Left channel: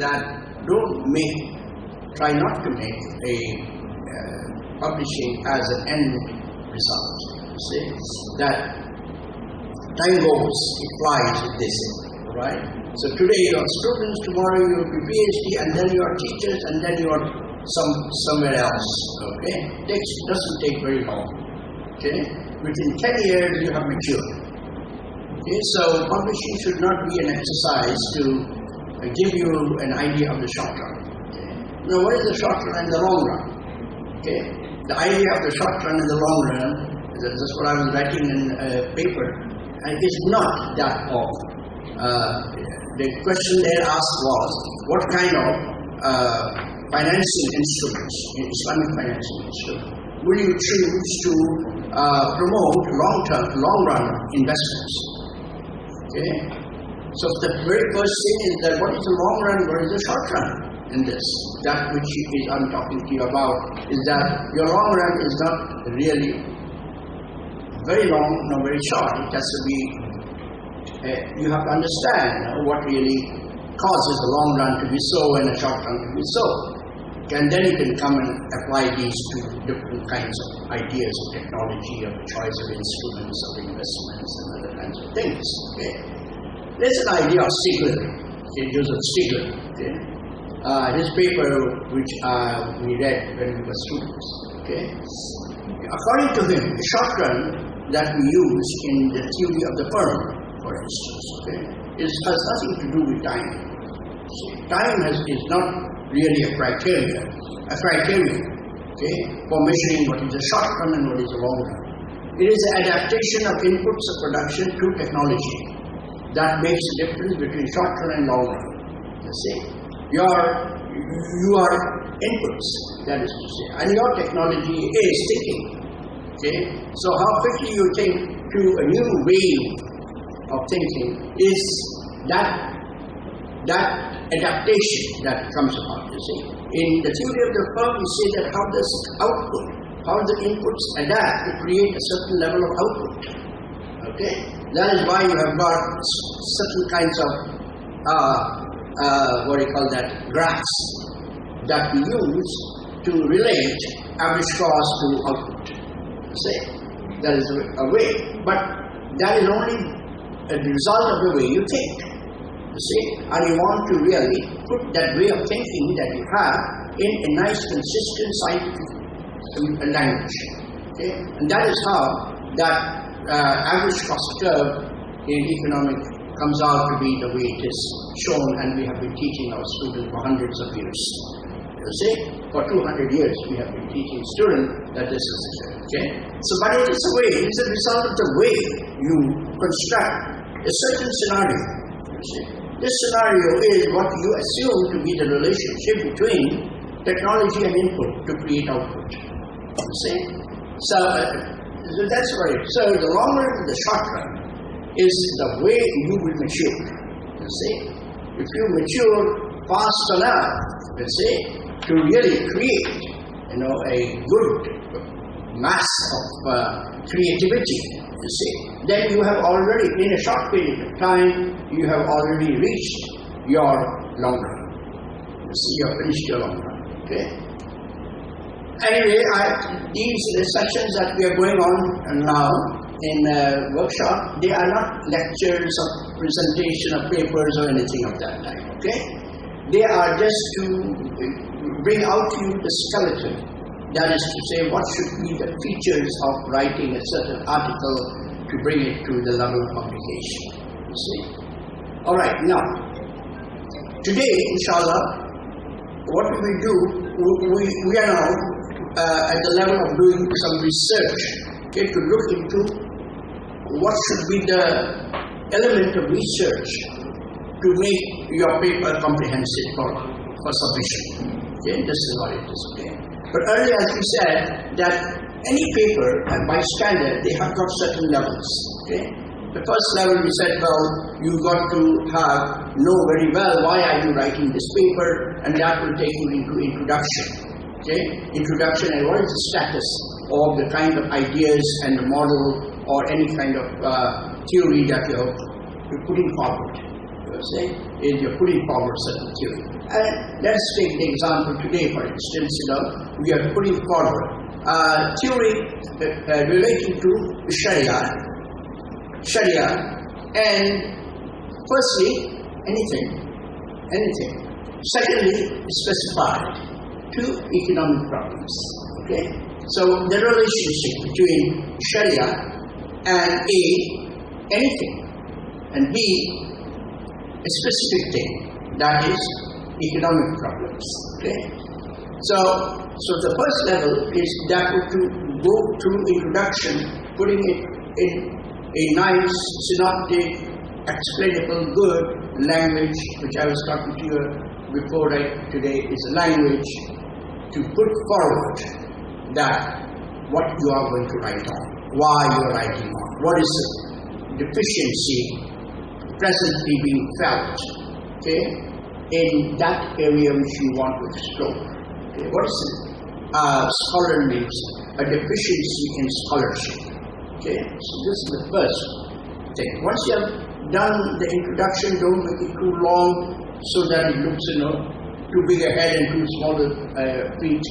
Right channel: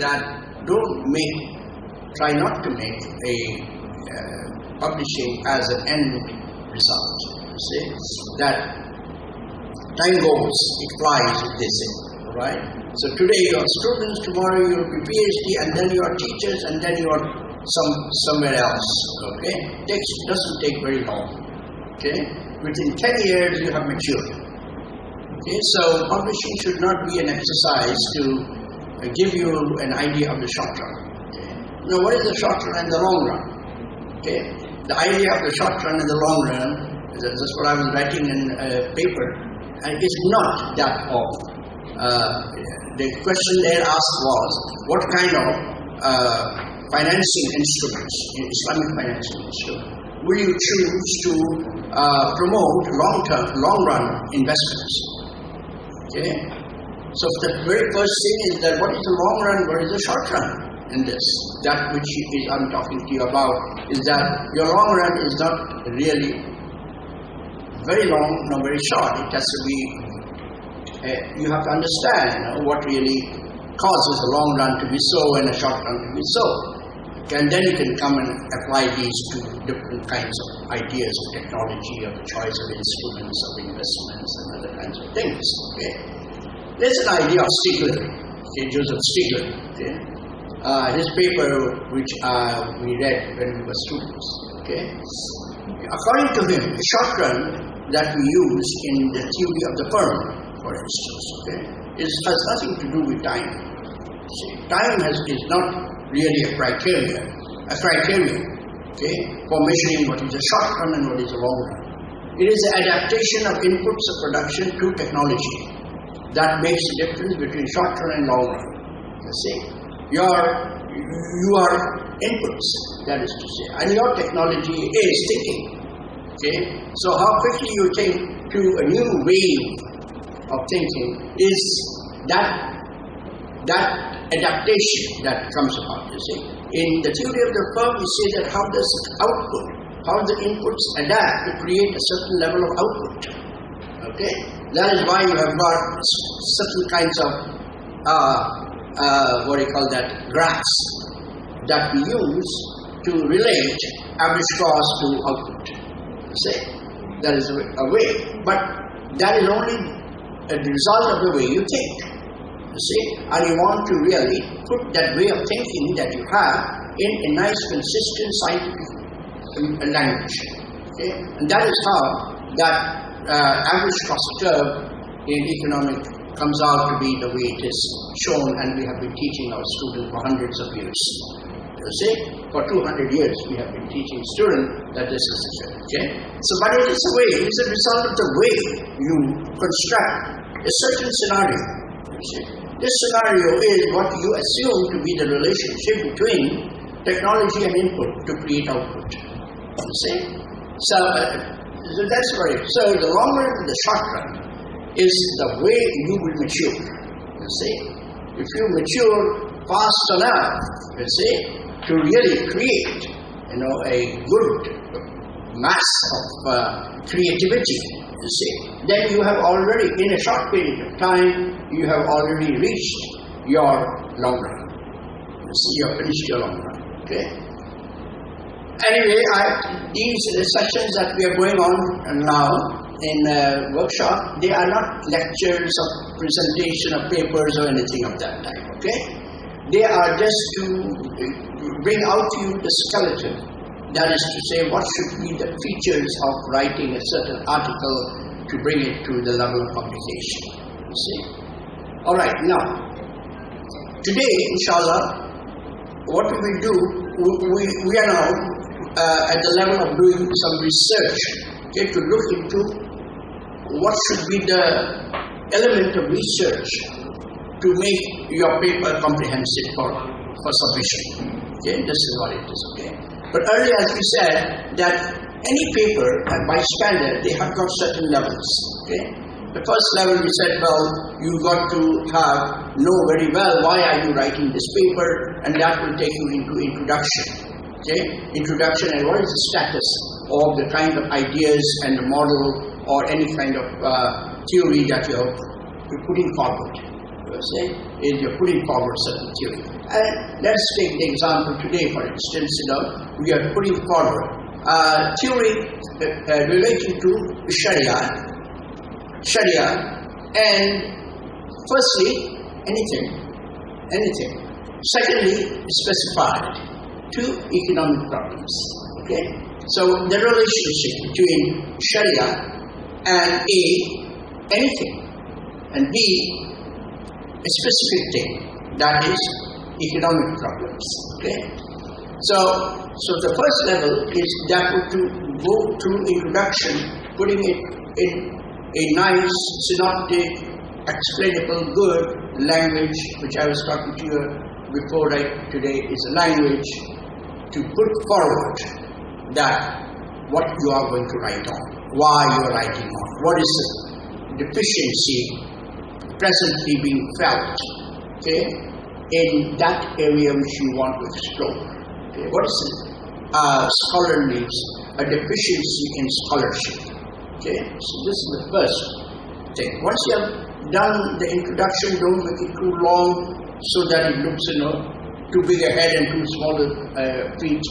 that try not to make a publishing as an end result. You see, that time goes, it flies, they say, right? So today you are students, tomorrow you will be PhD, and then you are teachers, and then you are somewhere else. Okay, doesn't take very long. Okay, within 10 years you have matured. Okay, so publishing should not be an exercise to give you an idea of the short run. Okay? Now, what is the short run and the long run? Okay, the idea of the short run and the long run, that's what I was writing in a paper, and it's not that of. The question there asked was, what kind of financing instruments, Islamic financing instruments, will you choose to promote long-run investments? Okay. So the very first thing is that what is the long run, what is the short run in this? That which I'm talking to you about is that your long run is not really very long nor very short. It has to be, you have to understand what really causes the long run to be so and the short run to be so. And then you can come and apply these to different kinds of ideas of technology, of the choice of instruments, of investments, and other kinds of things. Okay? There's an idea of Stigler, okay, Joseph Stigler. Okay? His paper, which we read when we were students. Okay? According to him, the short run that we use in the theory of the firm, for instance, okay, has nothing to do with time. See, time is not really a criterion, okay, for measuring what is a short run and what is a long run. It is the adaptation of inputs of production to technology that makes the difference between short run and long run. You see, you are inputs, that is to say, and your technology is thinking. Okay, so how quickly you think to a new wave of thinking is that adaptation that comes about. You see, in the theory of the firm, we say that how does output, how the inputs adapt to create a certain level of output. Okay, that is why you have got certain kinds of what do you call that, graphs that we use to relate average cost to output. You see, that is a way, but that is only a result of the way you think. You see, and you want to really put that way of thinking that you have in a nice, consistent scientific language. Okay, and that is how that average cost curve in economic comes out to be the way it is shown, and we have been teaching our students for hundreds of years. You see, for 200 years we have been teaching students that this is the okay. So, but it is a way, it is a result of the way you construct a certain scenario. You see, this scenario is what you assume to be the relationship between technology and input to create output. You see, so that's right. So the long run and the short run is the way you will mature. You see, if you mature fast enough, you see, to really create, a good mass of creativity, you see, then you have already, in a short period of time, you have already reached your long run. You see, you have finished your long run. Okay. Anyway, these sessions that we are going on now in workshop, they are not lectures or presentation of papers or anything of that type. Okay, they are just to bring out to you the skeleton. That is to say, what should be the features of writing a certain article to bring it to the level of publication. You see. All right. Now, today, inshallah, what we will do, we are now at the level of doing some research, okay, to look into what should be the element of research to make your paper comprehensive for submission. Okay, this is what it is. Okay, but earlier, as we said, that any paper, by standard, they have got certain levels. Okay, the first level we said, well, you got to know very well why are you writing this paper, and that will take you into introduction. Okay, introduction and what is the status of the kind of ideas and the model or any kind of theory that you're putting forward. You see? is you're putting forward certain theory. And let's take the example today, for instance, we are putting forward theory relating to Sharia, and firstly, anything. Secondly, specified to economic problems. Okay, so the relationship between Sharia and A, anything, and B, a specific thing, that is economic problems. Okay, so the first level is that to go through introduction, putting it in a nice, synoptic, explainable, good language, which I was talking to you before today, is a language to put forward that what you are going to write on, why you are writing on, what is the deficiency presently being felt, okay, in that area which you want to explore. Okay, what is it? Scholar needs a deficiency in scholarship. Okay, so this is the first thing. Once you have done the introduction, don't make it too long so that it looks, too big a head and too small feet.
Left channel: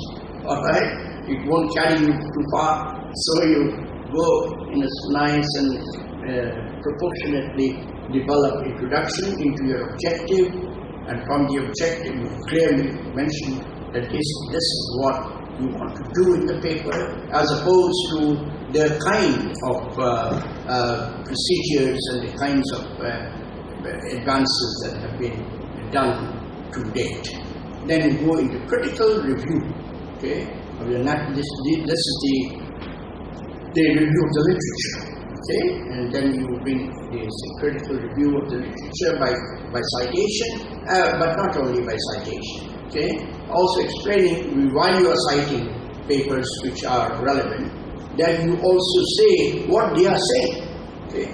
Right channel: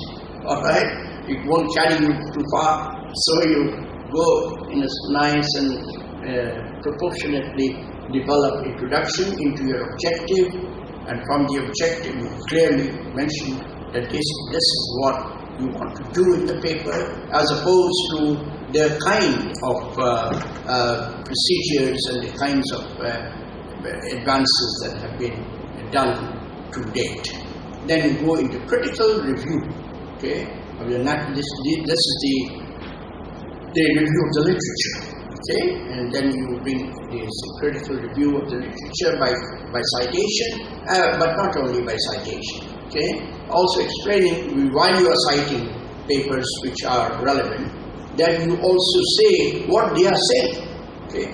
All right, it won't carry you too far. So you go in a nice and proportionately develop introduction into your objective, and from the objective you clearly mention that this is what you want to do in the paper, as opposed to the kind of procedures and the kinds of advances that have been done to date. Then you go into critical review. Okay, this is the review of the literature. Okay, and then you bring this critical review of the literature by citation, but not only by citation. Okay, also explaining while you are citing papers which are relevant, then you also say what they are saying. Okay,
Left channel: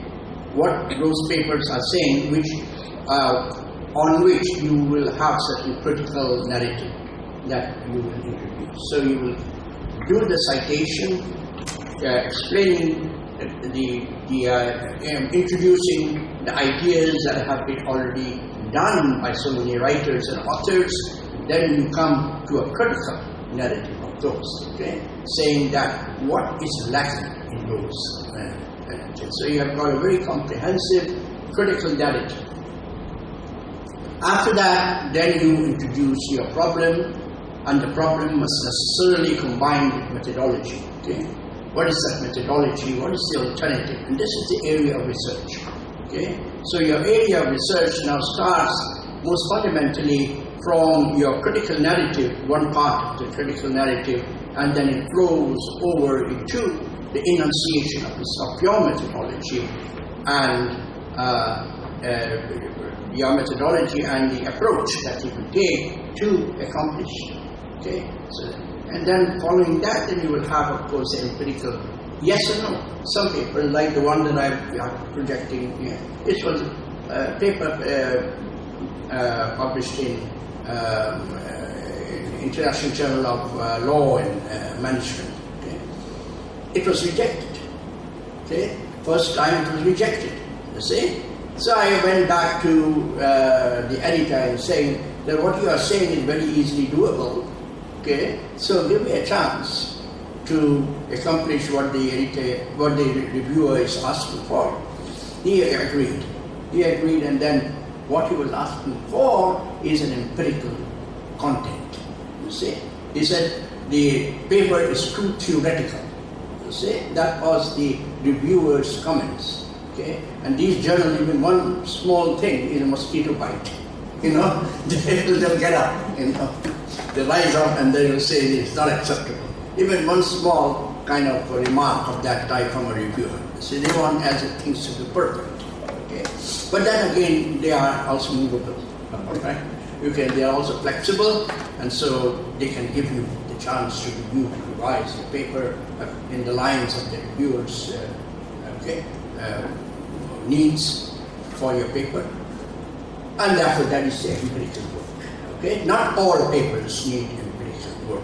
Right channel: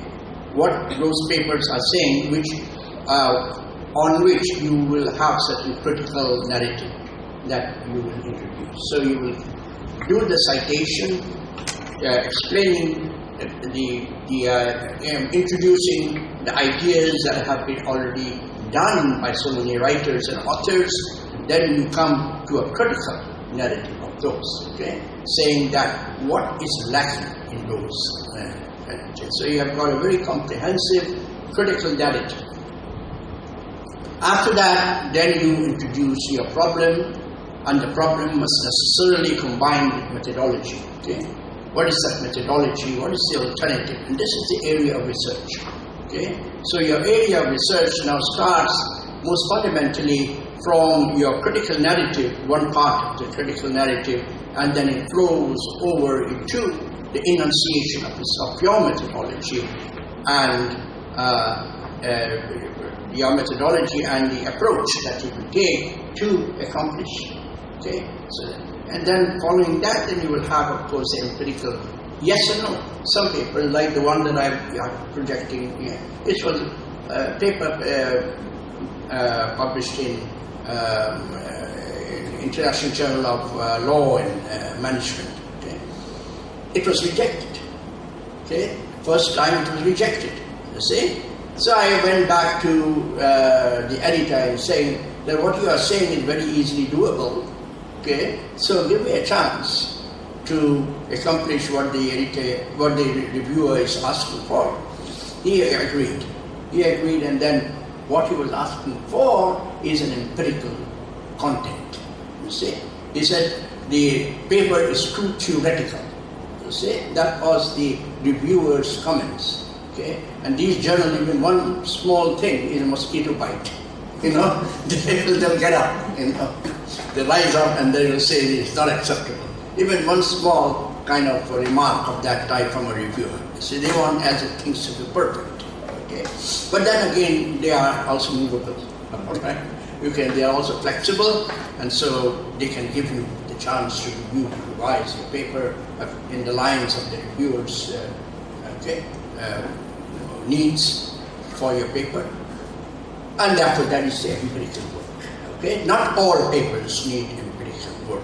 what those papers are saying, which on which you will have certain critical narrative that you will introduce. So you will do the citation, explaining introducing the ideas that have been already done by so many writers and authors. Then you come to a critical narrative of those, okay, saying that what is lacking in those narratives. So you have got a very comprehensive critical narrative. After that, then you introduce your problem, and the problem must necessarily combine with methodology. Okay, what is that methodology? What is the alternative? And this is the area of research. Okay, so your area of research now starts most fundamentally from your critical narrative, one part of the critical narrative, and then it flows over into the enunciation of your methodology and your methodology and the approach that you will take to accomplish. Okay, so and then following that, then you will have, of course, the empirical yes or no. Some paper, like the one that I'm projecting here, it was a paper published in International Journal of Law and Management. Okay, it was rejected. Okay, first time it was rejected. You see. So I went back to the editor and saying that what you are saying is very easily doable. Okay, so give me a chance to accomplish what the reviewer is asking for. He agreed. And then what he was asking for is an empirical content. You see, he said the paper is too theoretical. You see, that was the reviewer's comments. Okay, and these journals, even one small thing is a mosquito bite. They'll get up. They rise up and they will say it's not acceptable. Even one small kind of remark of that type from a reviewer. So they want as things to be perfect. Okay, but then again they are also movable. Right? They are also flexible, and so they can give you the chance to review, to revise the paper in the lines of the reviewer's needs for your paper, and therefore that is the empirical work. Okay, not all papers need empirical work.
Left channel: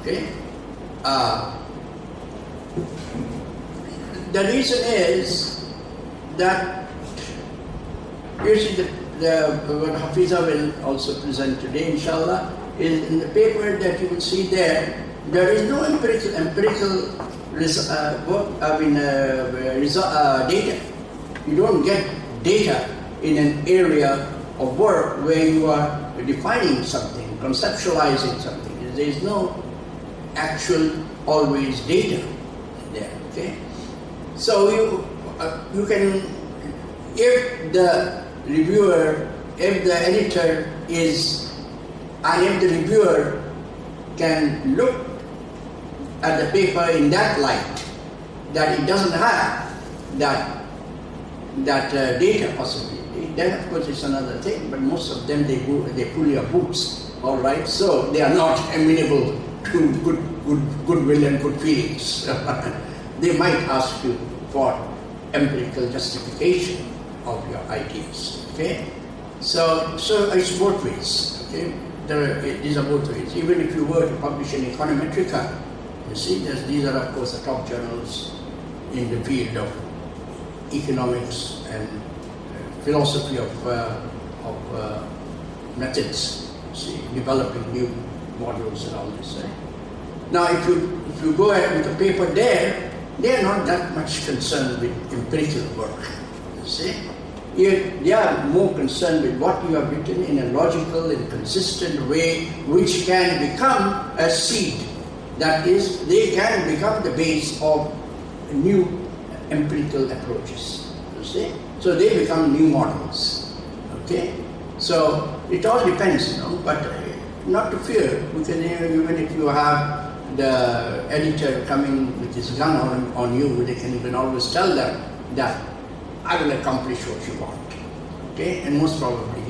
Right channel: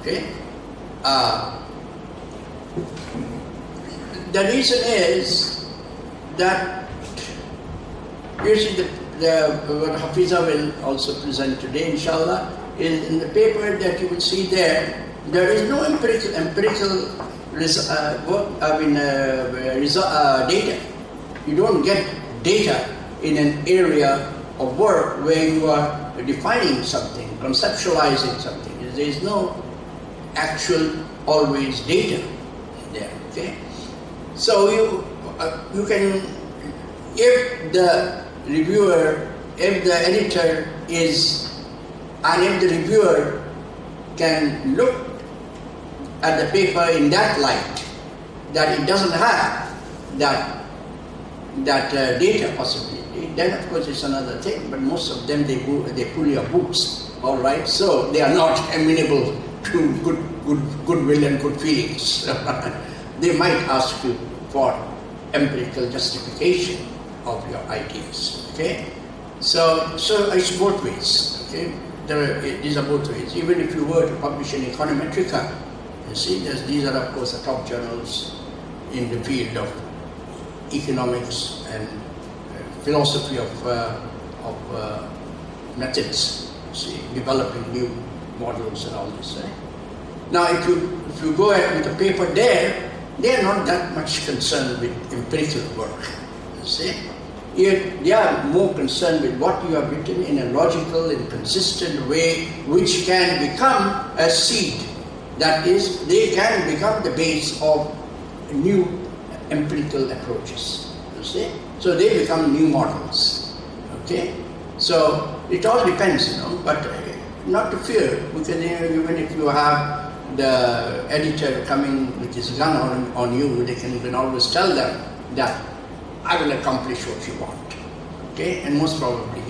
Okay, the reason is that usually what Hafiza will also present today, inshallah, is in the paper that you will see there. There is no empirical data. You don't get data in an area of work where you are defining something, conceptualizing something. There is no actual always data there. Okay, so you can, if the reviewer, if the editor is, and if the reviewer can look at the paper in that light, that it doesn't have that data possibility, then of course it's another thing. But most of them, they pull your boots, all right. So they are not amenable to goodwill and good feelings. They might ask you for empirical justification of your ideas. Okay, so it's both ways. Okay, these are both ways. Even if you were to publish in Econometrica, you see, these are of course the top journals in the field of economics and philosophy of methods. See, developing new models and all this. Right? Now, if you go ahead with a paper there, they are not that much concerned with empirical work. You see, they are more concerned with what you have written in a logical and consistent way, which can become a seed. That is, they can become the base of new empirical approaches. You see, so they become new models. Okay, so it all depends, but not to fear, because even if you have the editor coming with his gun on you, you can always tell them that I will accomplish what you want. Okay, and most probably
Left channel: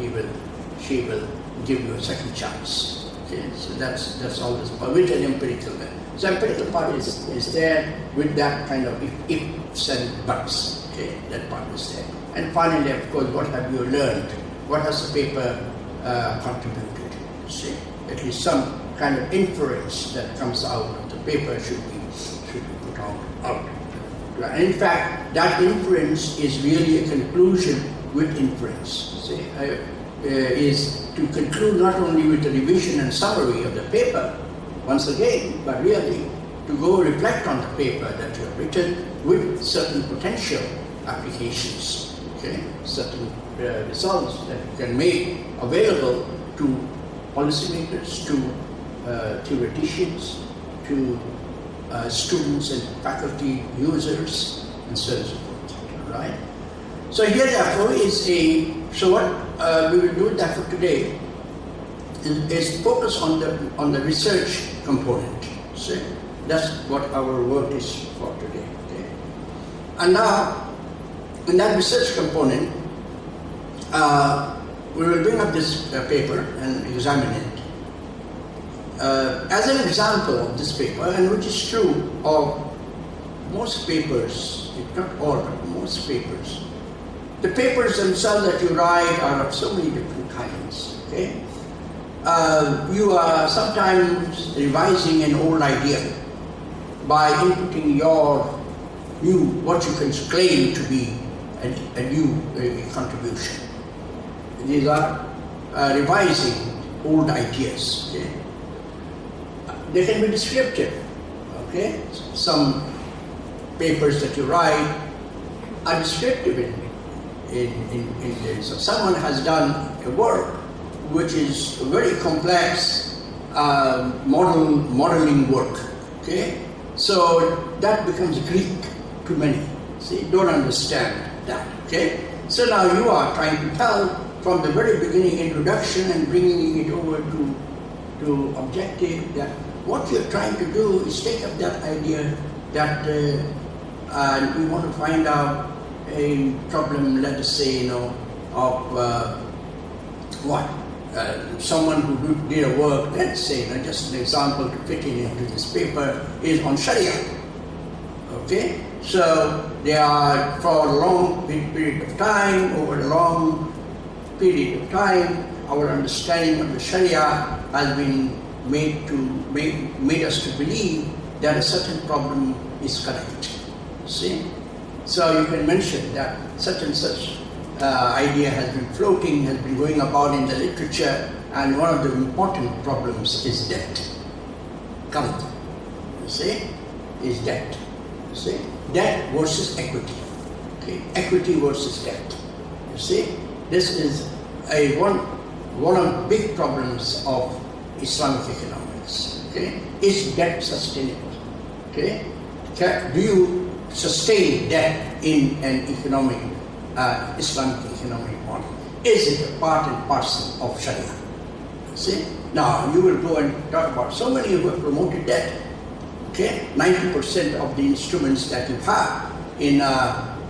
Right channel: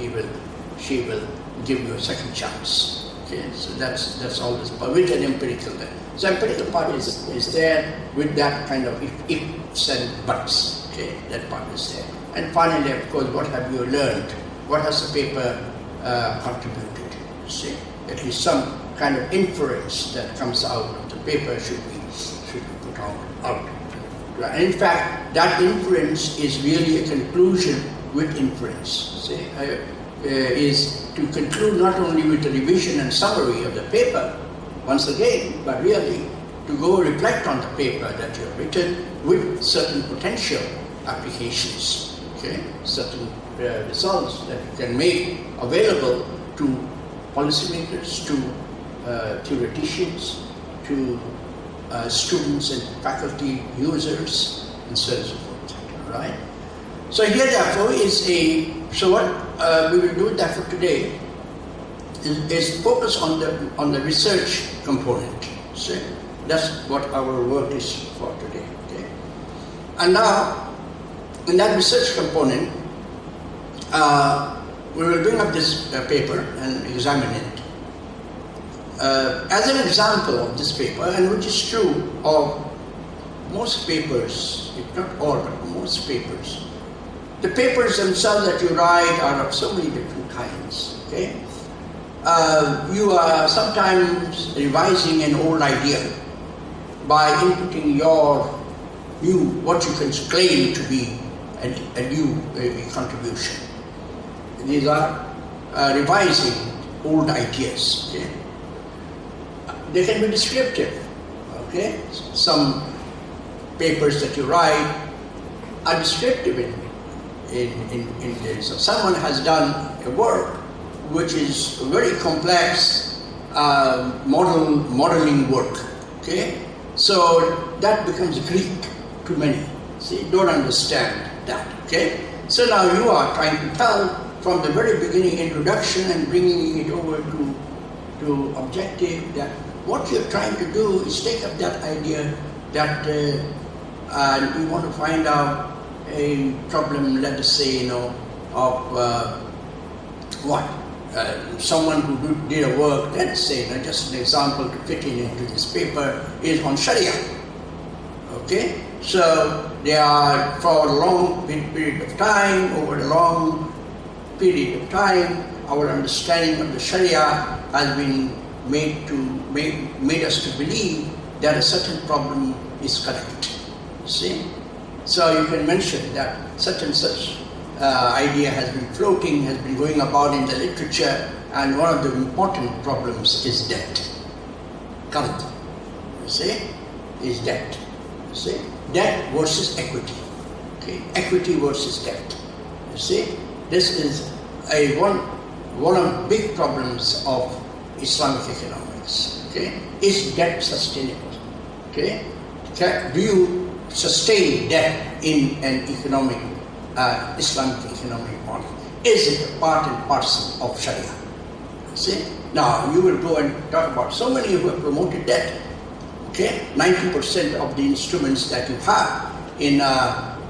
she will give you a second chance. Okay, so that's always with an empirical. So empirical part is there with that kind of ifs and buts. Okay, that part is there. And finally, of course, what have you learned? What has the paper contributed? See, at least some kind of inference that comes out of the paper should be put out. And in fact, that inference is really a conclusion with inference. See, is to conclude not only with a revision and summary of the paper, once again, but really to go reflect on the paper that you have written with certain potential applications, okay, certain results that you can make available to policymakers, to theoreticians, to students and faculty users, and so on and so forth. All right. So here, therefore, so what we will do therefore today is focus on the research component. See, that's what our work is for today. Okay. And now, in that research component, we will bring up this paper and examine it. As an example of this paper, and which is true of most papers, if not all, but most papers, the papers themselves that you write are of so many different kinds. Okay, you are sometimes revising an old idea by inputting your new, what you can claim to be a new contribution. These are revising old ideas. Okay? They can be descriptive. Okay, some papers that you write are descriptive in this. So someone has done a work which is very complex modeling work. Okay, so that becomes Greek to many. See, don't understand that. Okay, so now you are trying to tell from the very beginning introduction and bringing it over to objective that what you're trying to do is take up that idea that you want to find out a problem, let us say, of someone who did a work, let's say, just an example to fit into this paper, is on Sharia. Okay, so they are for a long period of time, over a long period of time, our understanding of the Sharia has been made us to believe that a certain problem is correct. See? So you can mention that such and such idea has been floating, has been going about in the literature, and one of the important problems is debt. Qarz, you see, is debt. You see, debt versus equity. Okay, equity versus debt. You see, this is one of the big problems of Islamic economics. Okay, is debt sustainable? Okay, do you sustain debt in an economic Islamic economic model? Is it a part and parcel of Sharia? See? Now you will go and talk about so many who have promoted debt. Okay, 90% of the instruments that you have in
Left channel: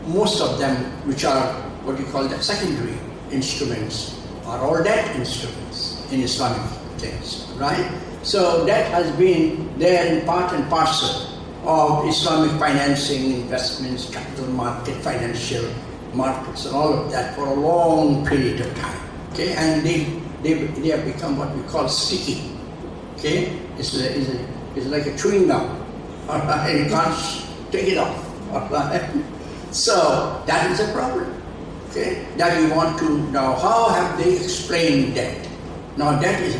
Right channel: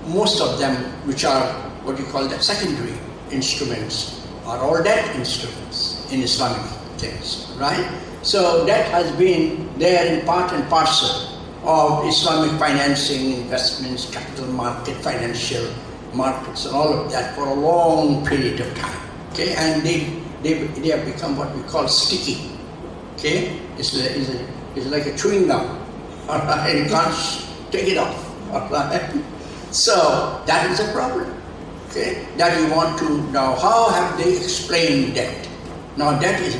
most of them, which are what you call the secondary instruments, are all debt instruments in Islamic things, right? So debt has been there in part and parcel of Islamic financing, investments, capital market, financial markets, and all of that for a long period of time. Okay, and they have become what we call sticky. Okay, it's like a chewing gum. All right, you can't take it off. All right, so that is a problem. Okay, that you want to know. How have they explained debt? Now, debt is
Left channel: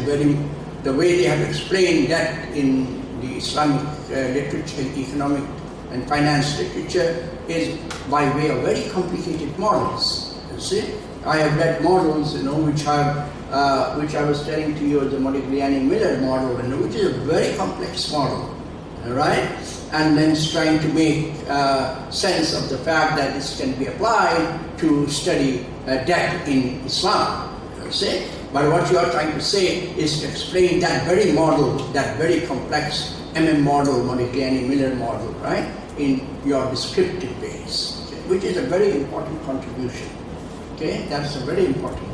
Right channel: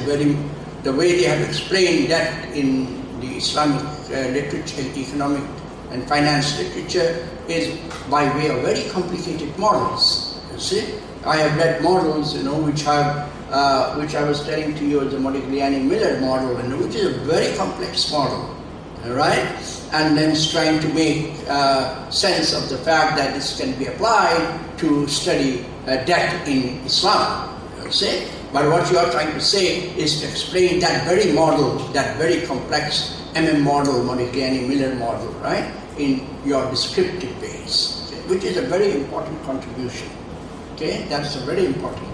the way they have explained debt in the Islamic literature, economic and finance literature, is by way of very complicated models. You see, I have read models, which I was telling to you, the Modigliani-Miller model, which is a very complex model, right? And then it's trying to make sense of the fact that this can be applied to study debt in Islam, you see. But what you are trying to say is to explain that very model, that very complex model, Modigliani-Miller model, right, in your descriptive ways, okay, which is a very important contribution. Okay, that's a very important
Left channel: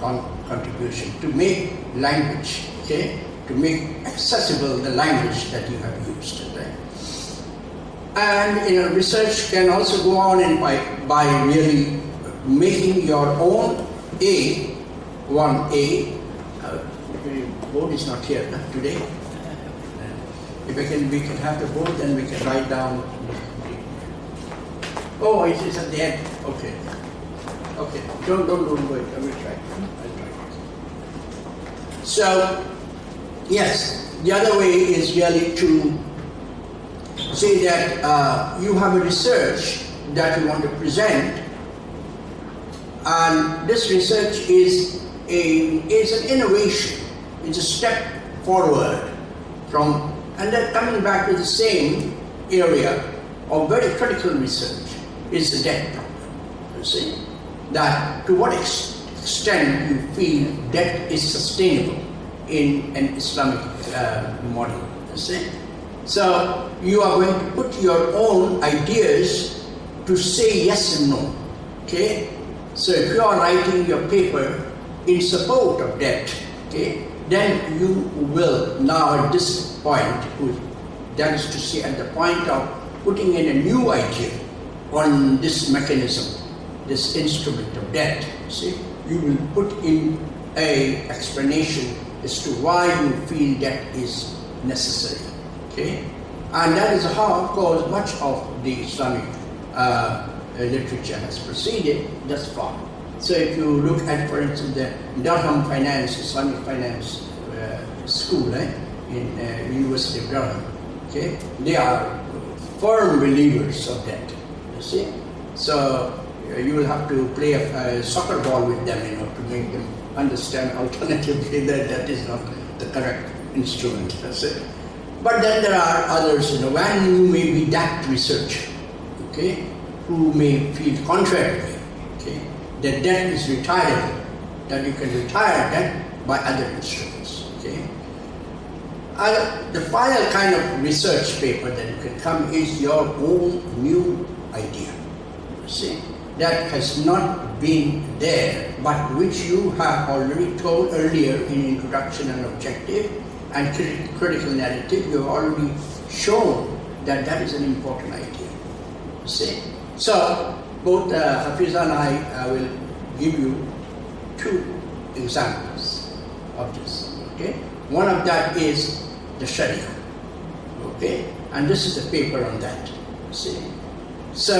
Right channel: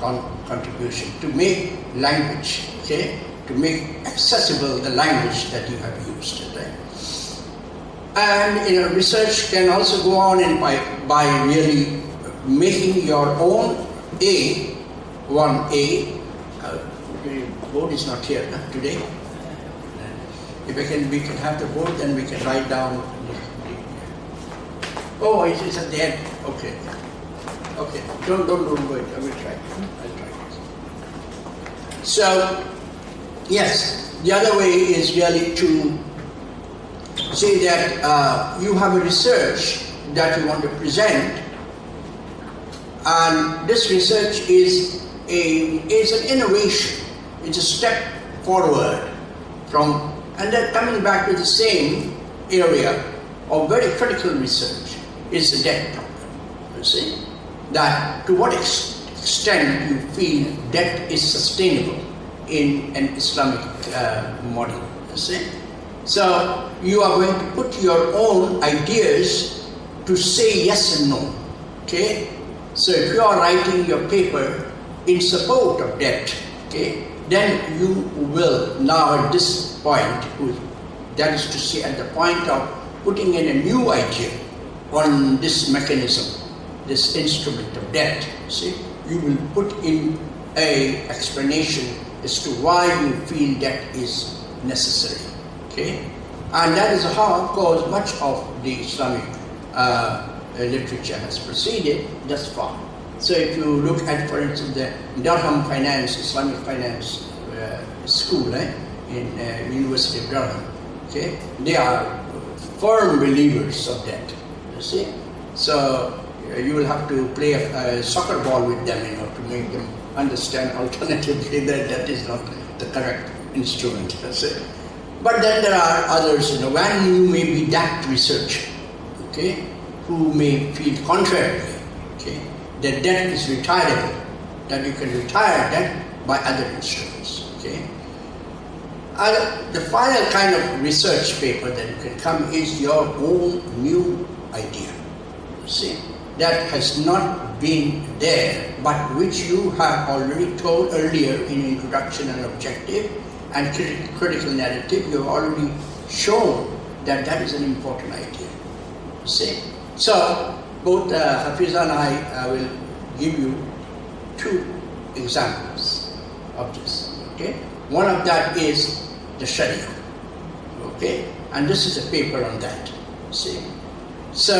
contribution to make language, okay, to make accessible the language that you have used, right? And research can also go on and by really making your own A. The board is not here today. If we can have the board, then we can write down. Oh, it's at the end. Okay. Okay. Don't wait. I will try. I'll try. So, yes, the other way is really to say that you have a research that you want to present, and this research is an innovation. It's a step forward from, and then coming back to the same area of very critical research is the debt problem. You see, that to what extent you feel debt is sustainable in an Islamic model. You see, so you are going to put your own ideas to say yes and no. Okay, so if you are writing your paper in support of debt, okay, then you will now at this point, that is to say at the point of putting in a new idea on this mechanism, this instrument of debt, see, you will put in a explanation as to why you feel debt is necessary, okay? And that is how, of course, much of the Islamic literature has proceeded thus far. So if you look at, for instance, the Durham Finance, Islamic Finance School in University of Durham, okay, they are firm believers of debt, you see. So you will have to play a soccer ball with them, to make them understand alternatively that that is not the correct instrument, that's it. But then there are others, when you may be that researcher, okay, who may feel contrarily, okay, that debt is retirable, that you can retire debt by other instruments, okay. The final kind of research paper that you can come is your own new idea, you see, that has not been there, but which you have already told earlier in introduction and objective and critical narrative. You have already shown that that is an important idea, you see. So both Hafiza and I will give you two examples of this, okay. One of that is the Sharia, okay, and this is a paper on that, see. So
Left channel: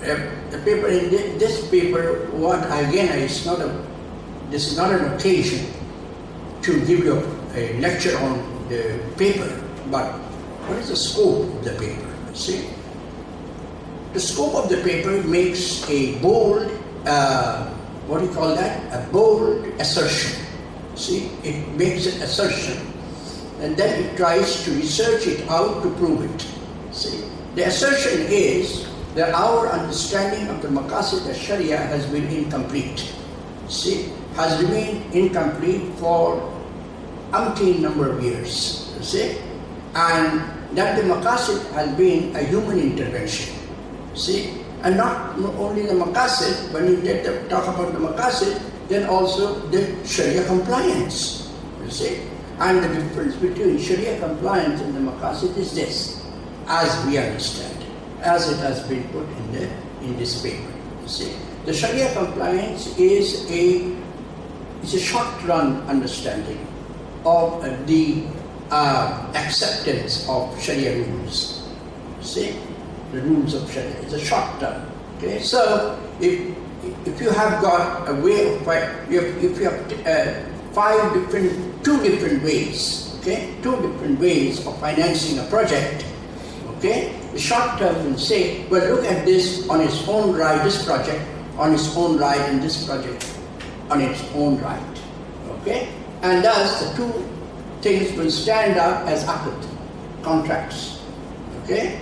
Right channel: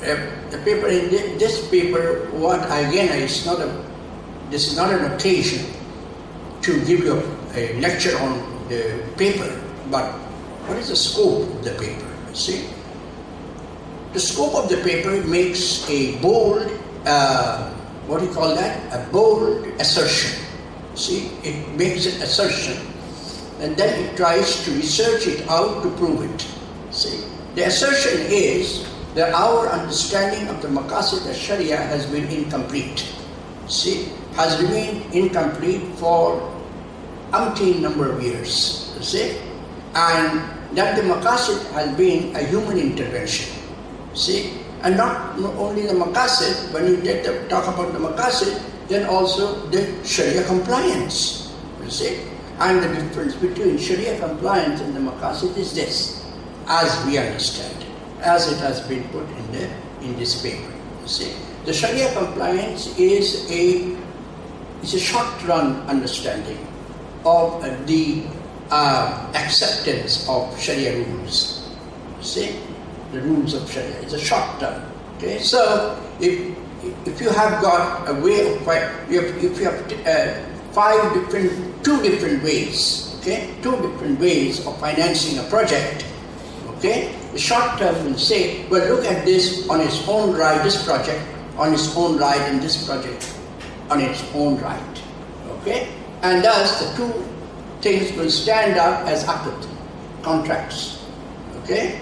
the paper in this paper, what again, this is not an occasion to give you a lecture on the paper, but what is the scope of the paper? See, the scope of the paper makes a bold, what do you call that? A bold assertion. See, it makes an assertion, and then it tries to research it out to prove it. See, the assertion is that our understanding of the maqasid al-Sharia has been incomplete. See, has remained incomplete for umpteen number of years. See, and that the maqasid has been a human intervention. See, and not only the maqasid, when you talk about the maqasid, then also the Sharia compliance. You see, and the difference between Sharia compliance and the maqasid is this, as we understand, as it has been put in this paper. You see, the Sharia compliance is a short-run understanding of the acceptance of Sharia rules. You see, the rules of Sharia. It's a short term. Okay, so if you have got a way of, if you have two different ways, okay, two different ways of financing a project, okay, the short term will say, well, look at this on its own right, this project on its own right, and this project on its own right, okay, and thus the two things will stand up as aqd, contracts, okay,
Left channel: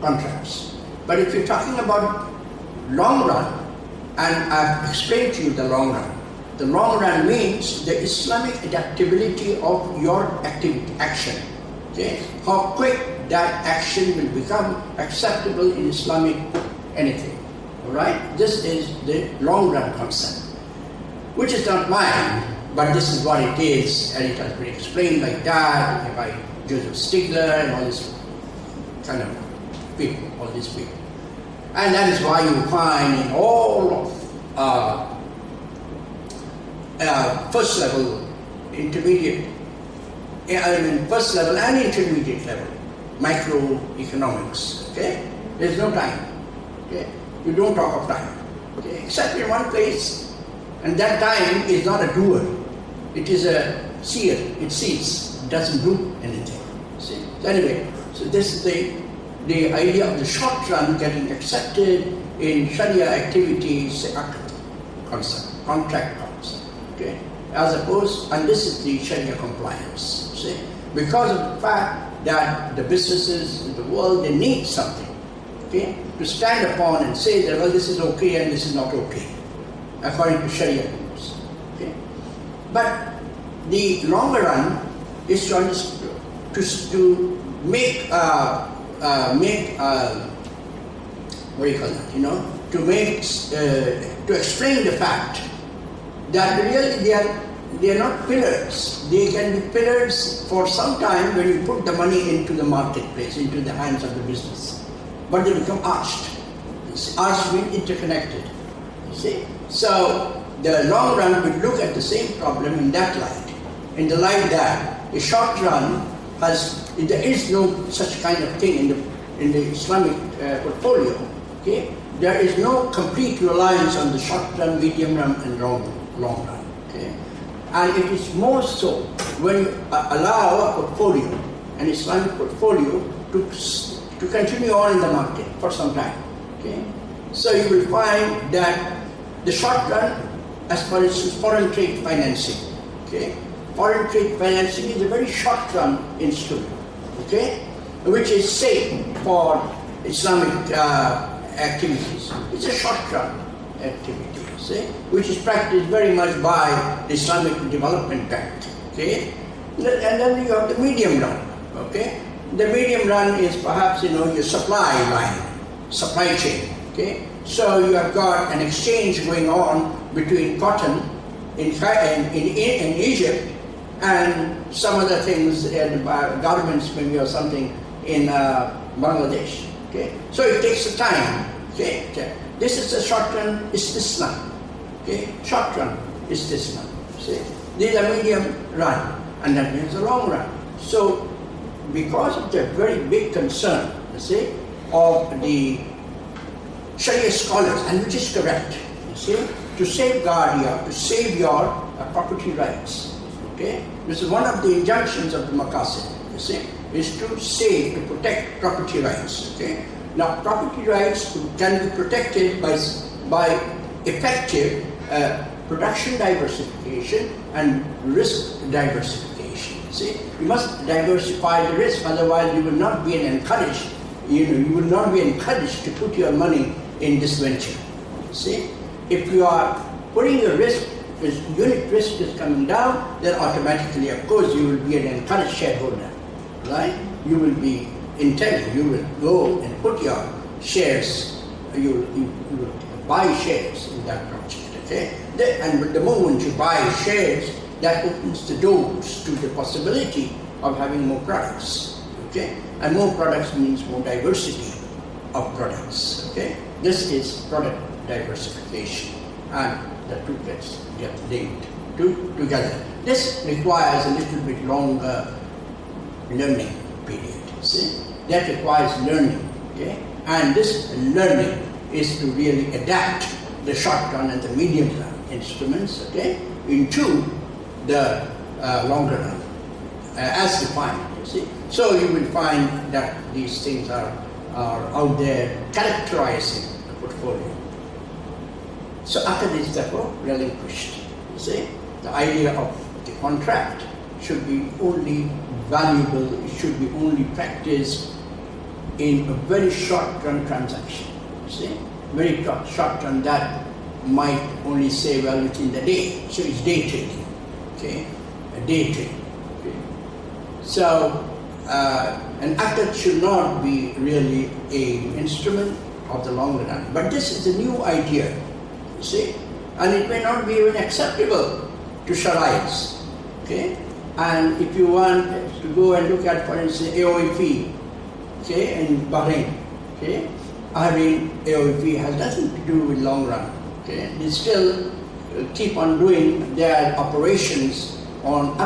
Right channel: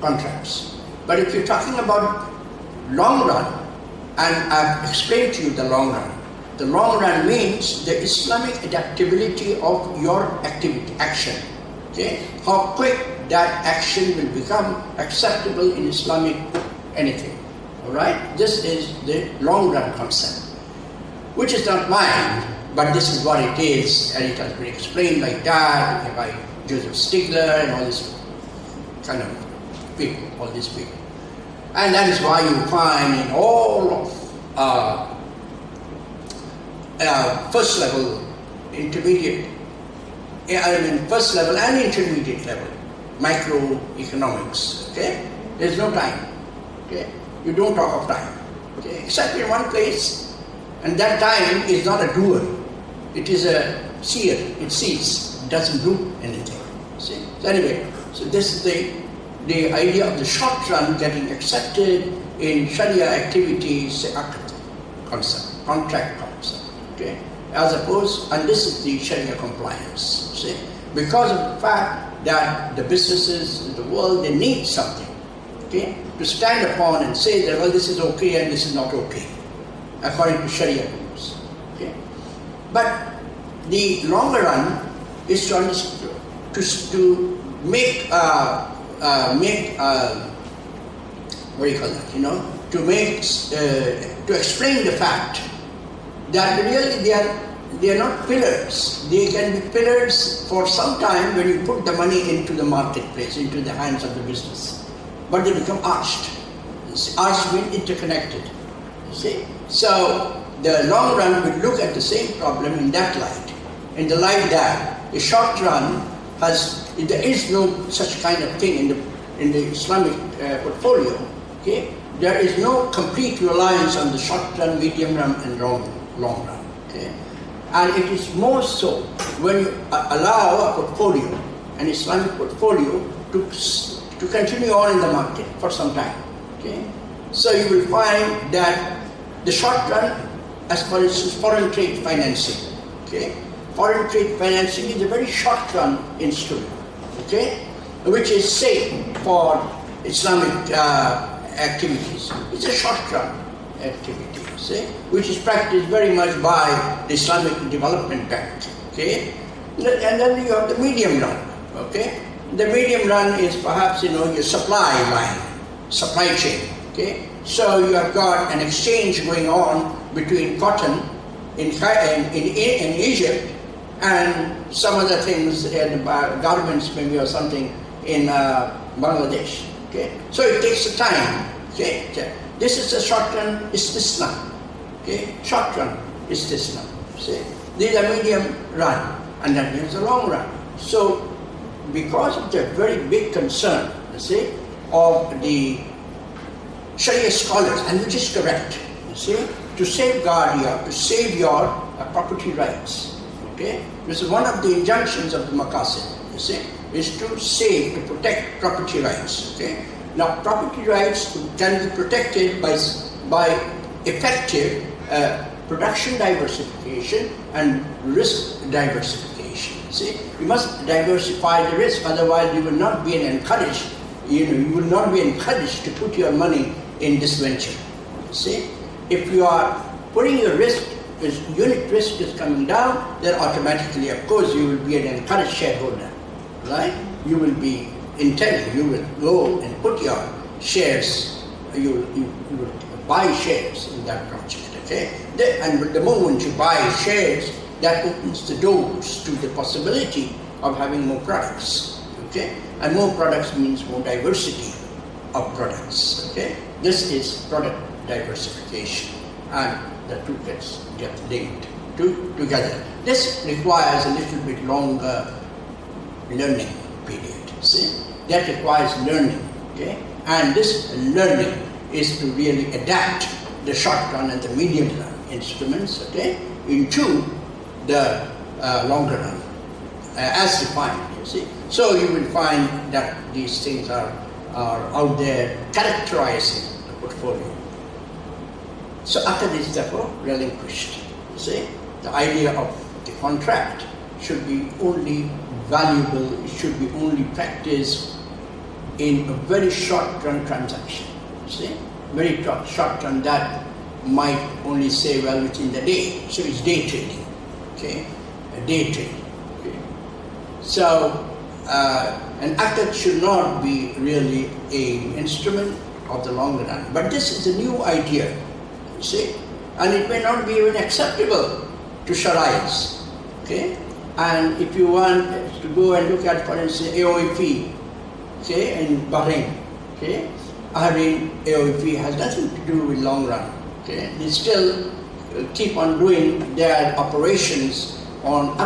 contracts. But if you're talking about long run, and I've explained to you the long run means the Islamic adaptability of your action, okay, how quick that action will become acceptable in Islamic anything, all right? This is the long run concept, which is not mine, but this is what it is, and it has been explained like that by Joseph Stigler and all this kind of people, all these people. And that is why you find in all of first level, intermediate, first level and intermediate level, microeconomics, okay? There's no time, okay? You don't talk of time, okay? Except in one place, and that time is not a doer. It is a seer. It sees, it doesn't do anything. See? So anyway, so this is the idea of the short run getting accepted in Sharia activities, concept, contract concept, okay? As opposed, and this is the Sharia compliance, see? Because of the fact that the businesses in the world, they need something, okay? To stand upon and say that, well, this is okay and this is not okay, according to Sharia rules, okay? But the longer run is to make what do you call that? You know, to explain the fact that really they are not pillars. They can be pillars for some time when you put the money into the marketplace, into the hands of the business, but they become arched. Arched means interconnected. You see, so the long run will look at the same problem in that light, in the light that the short run there is no such kind of thing in the Islamic portfolio. Okay, there is no complete reliance on the short run, medium run, and long run. Okay, and it is more so when you allow a portfolio, an Islamic portfolio, to continue on in the market for some time. Okay, so you will find that the short run, as for instance, foreign trade financing. Okay. Foreign trade financing is a very short-run instrument, okay, which is safe for Islamic activities. It's a short-run activity, see, which is practiced very much by the Islamic Development Bank, okay. And then you have the medium run, okay. The medium run is perhaps, your supply line, supply chain, okay. So you have got an exchange going on between cotton in Egypt and some other things in garments maybe or something in Bangladesh. Okay, so it takes a time. Okay, this is a short run istisna. Okay, short run istisna. See, these are medium run, and that means a long run. So, because of the very big concern, you see, of the Sharia scholars, and which is correct, you see, to safeguard to save your property rights. Okay, this is one of the injunctions of the Maqasid, you see, is to save, to protect property rights. Okay, now property rights can be protected by effective production diversification and risk diversification. See, you must diversify the risk, otherwise you will not be encouraged. You will not be encouraged to put your money in this venture. See, if you are putting your risk, if unit risk is coming down, then automatically, of course, you will be an encouraged shareholder, right? You will be intelligent. You will go and put your shares. You will buy shares in that project. Okay, and the moment you buy shares, that opens the doors to the possibility of having more products. Okay, and more products means more diversity of products. Okay, this is product diversification, and the two get linked together. This requires a little bit longer learning period. See, that requires learning. Okay, and this learning is to really adapt the short-run and the medium-run instruments, okay, into the longer run, as defined, you see. So you will find that these things are out there characterizing the portfolio. So Aqd is therefore relinquished, you see. The idea of the contract should be only valuable, it should be only practiced in a very short-run transaction, you see. Very short term, that might only say, well, within the day. So it's day trading, okay? A day trade. Okay? So an Aqd should not be really an instrument of the long run. But this is a new idea, you see? And it may not be even acceptable to Shari'is, okay? And if you want to go and look at, for instance, AOIP, okay, in Bahrain, okay? AOIP has nothing to do with long run. Okay? They still keep on doing their operations on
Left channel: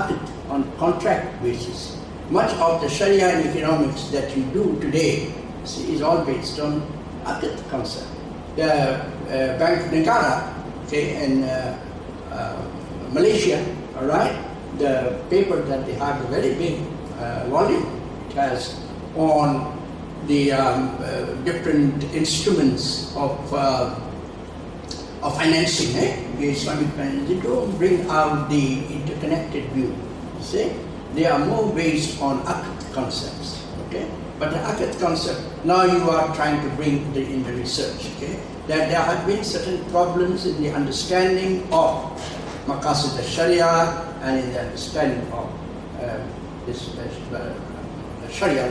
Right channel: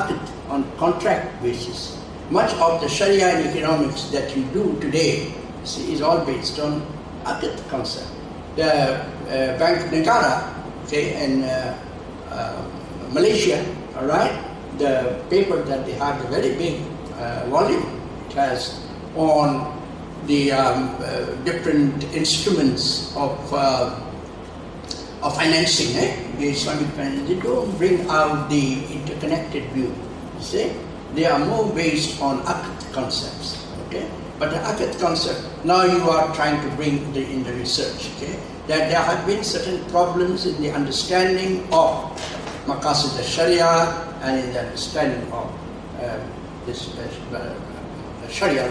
contract basis. Much of the Sharia and economics that you do today, see, is all based on Aqd concept. The Bank of Negara, okay, in Malaysia, all right, the paper that they have, the very big volume, it has on the different instruments of financing, the Islamic finance. They don't bring out the interconnected view. You see, they are more based on Aqd concepts. Okay, but the Aqd concept now you are trying to bring in the research. Okay, that there have been certain problems in the understanding of Maqasid al-Sharia and in the understanding of this. Sharia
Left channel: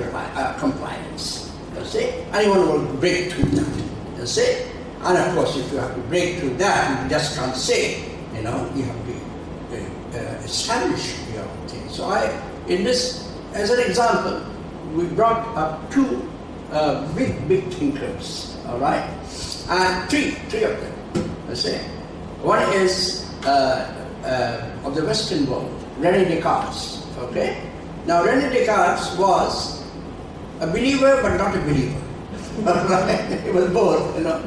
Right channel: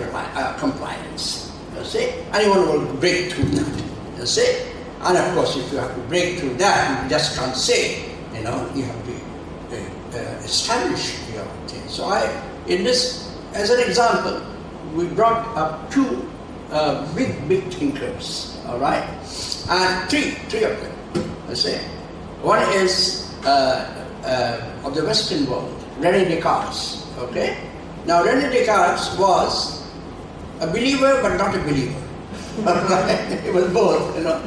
compliance, you see, anyone will break through that, you see, and of course if you have to break through that, you just can't say, you know, you have to establish your thing. So in this, as an example, we brought up two big thinkers, all right, and three of them, you see. One is of the Western world, René Descartes, okay. Now, René Descartes was a believer but not a believer. He was both, you know.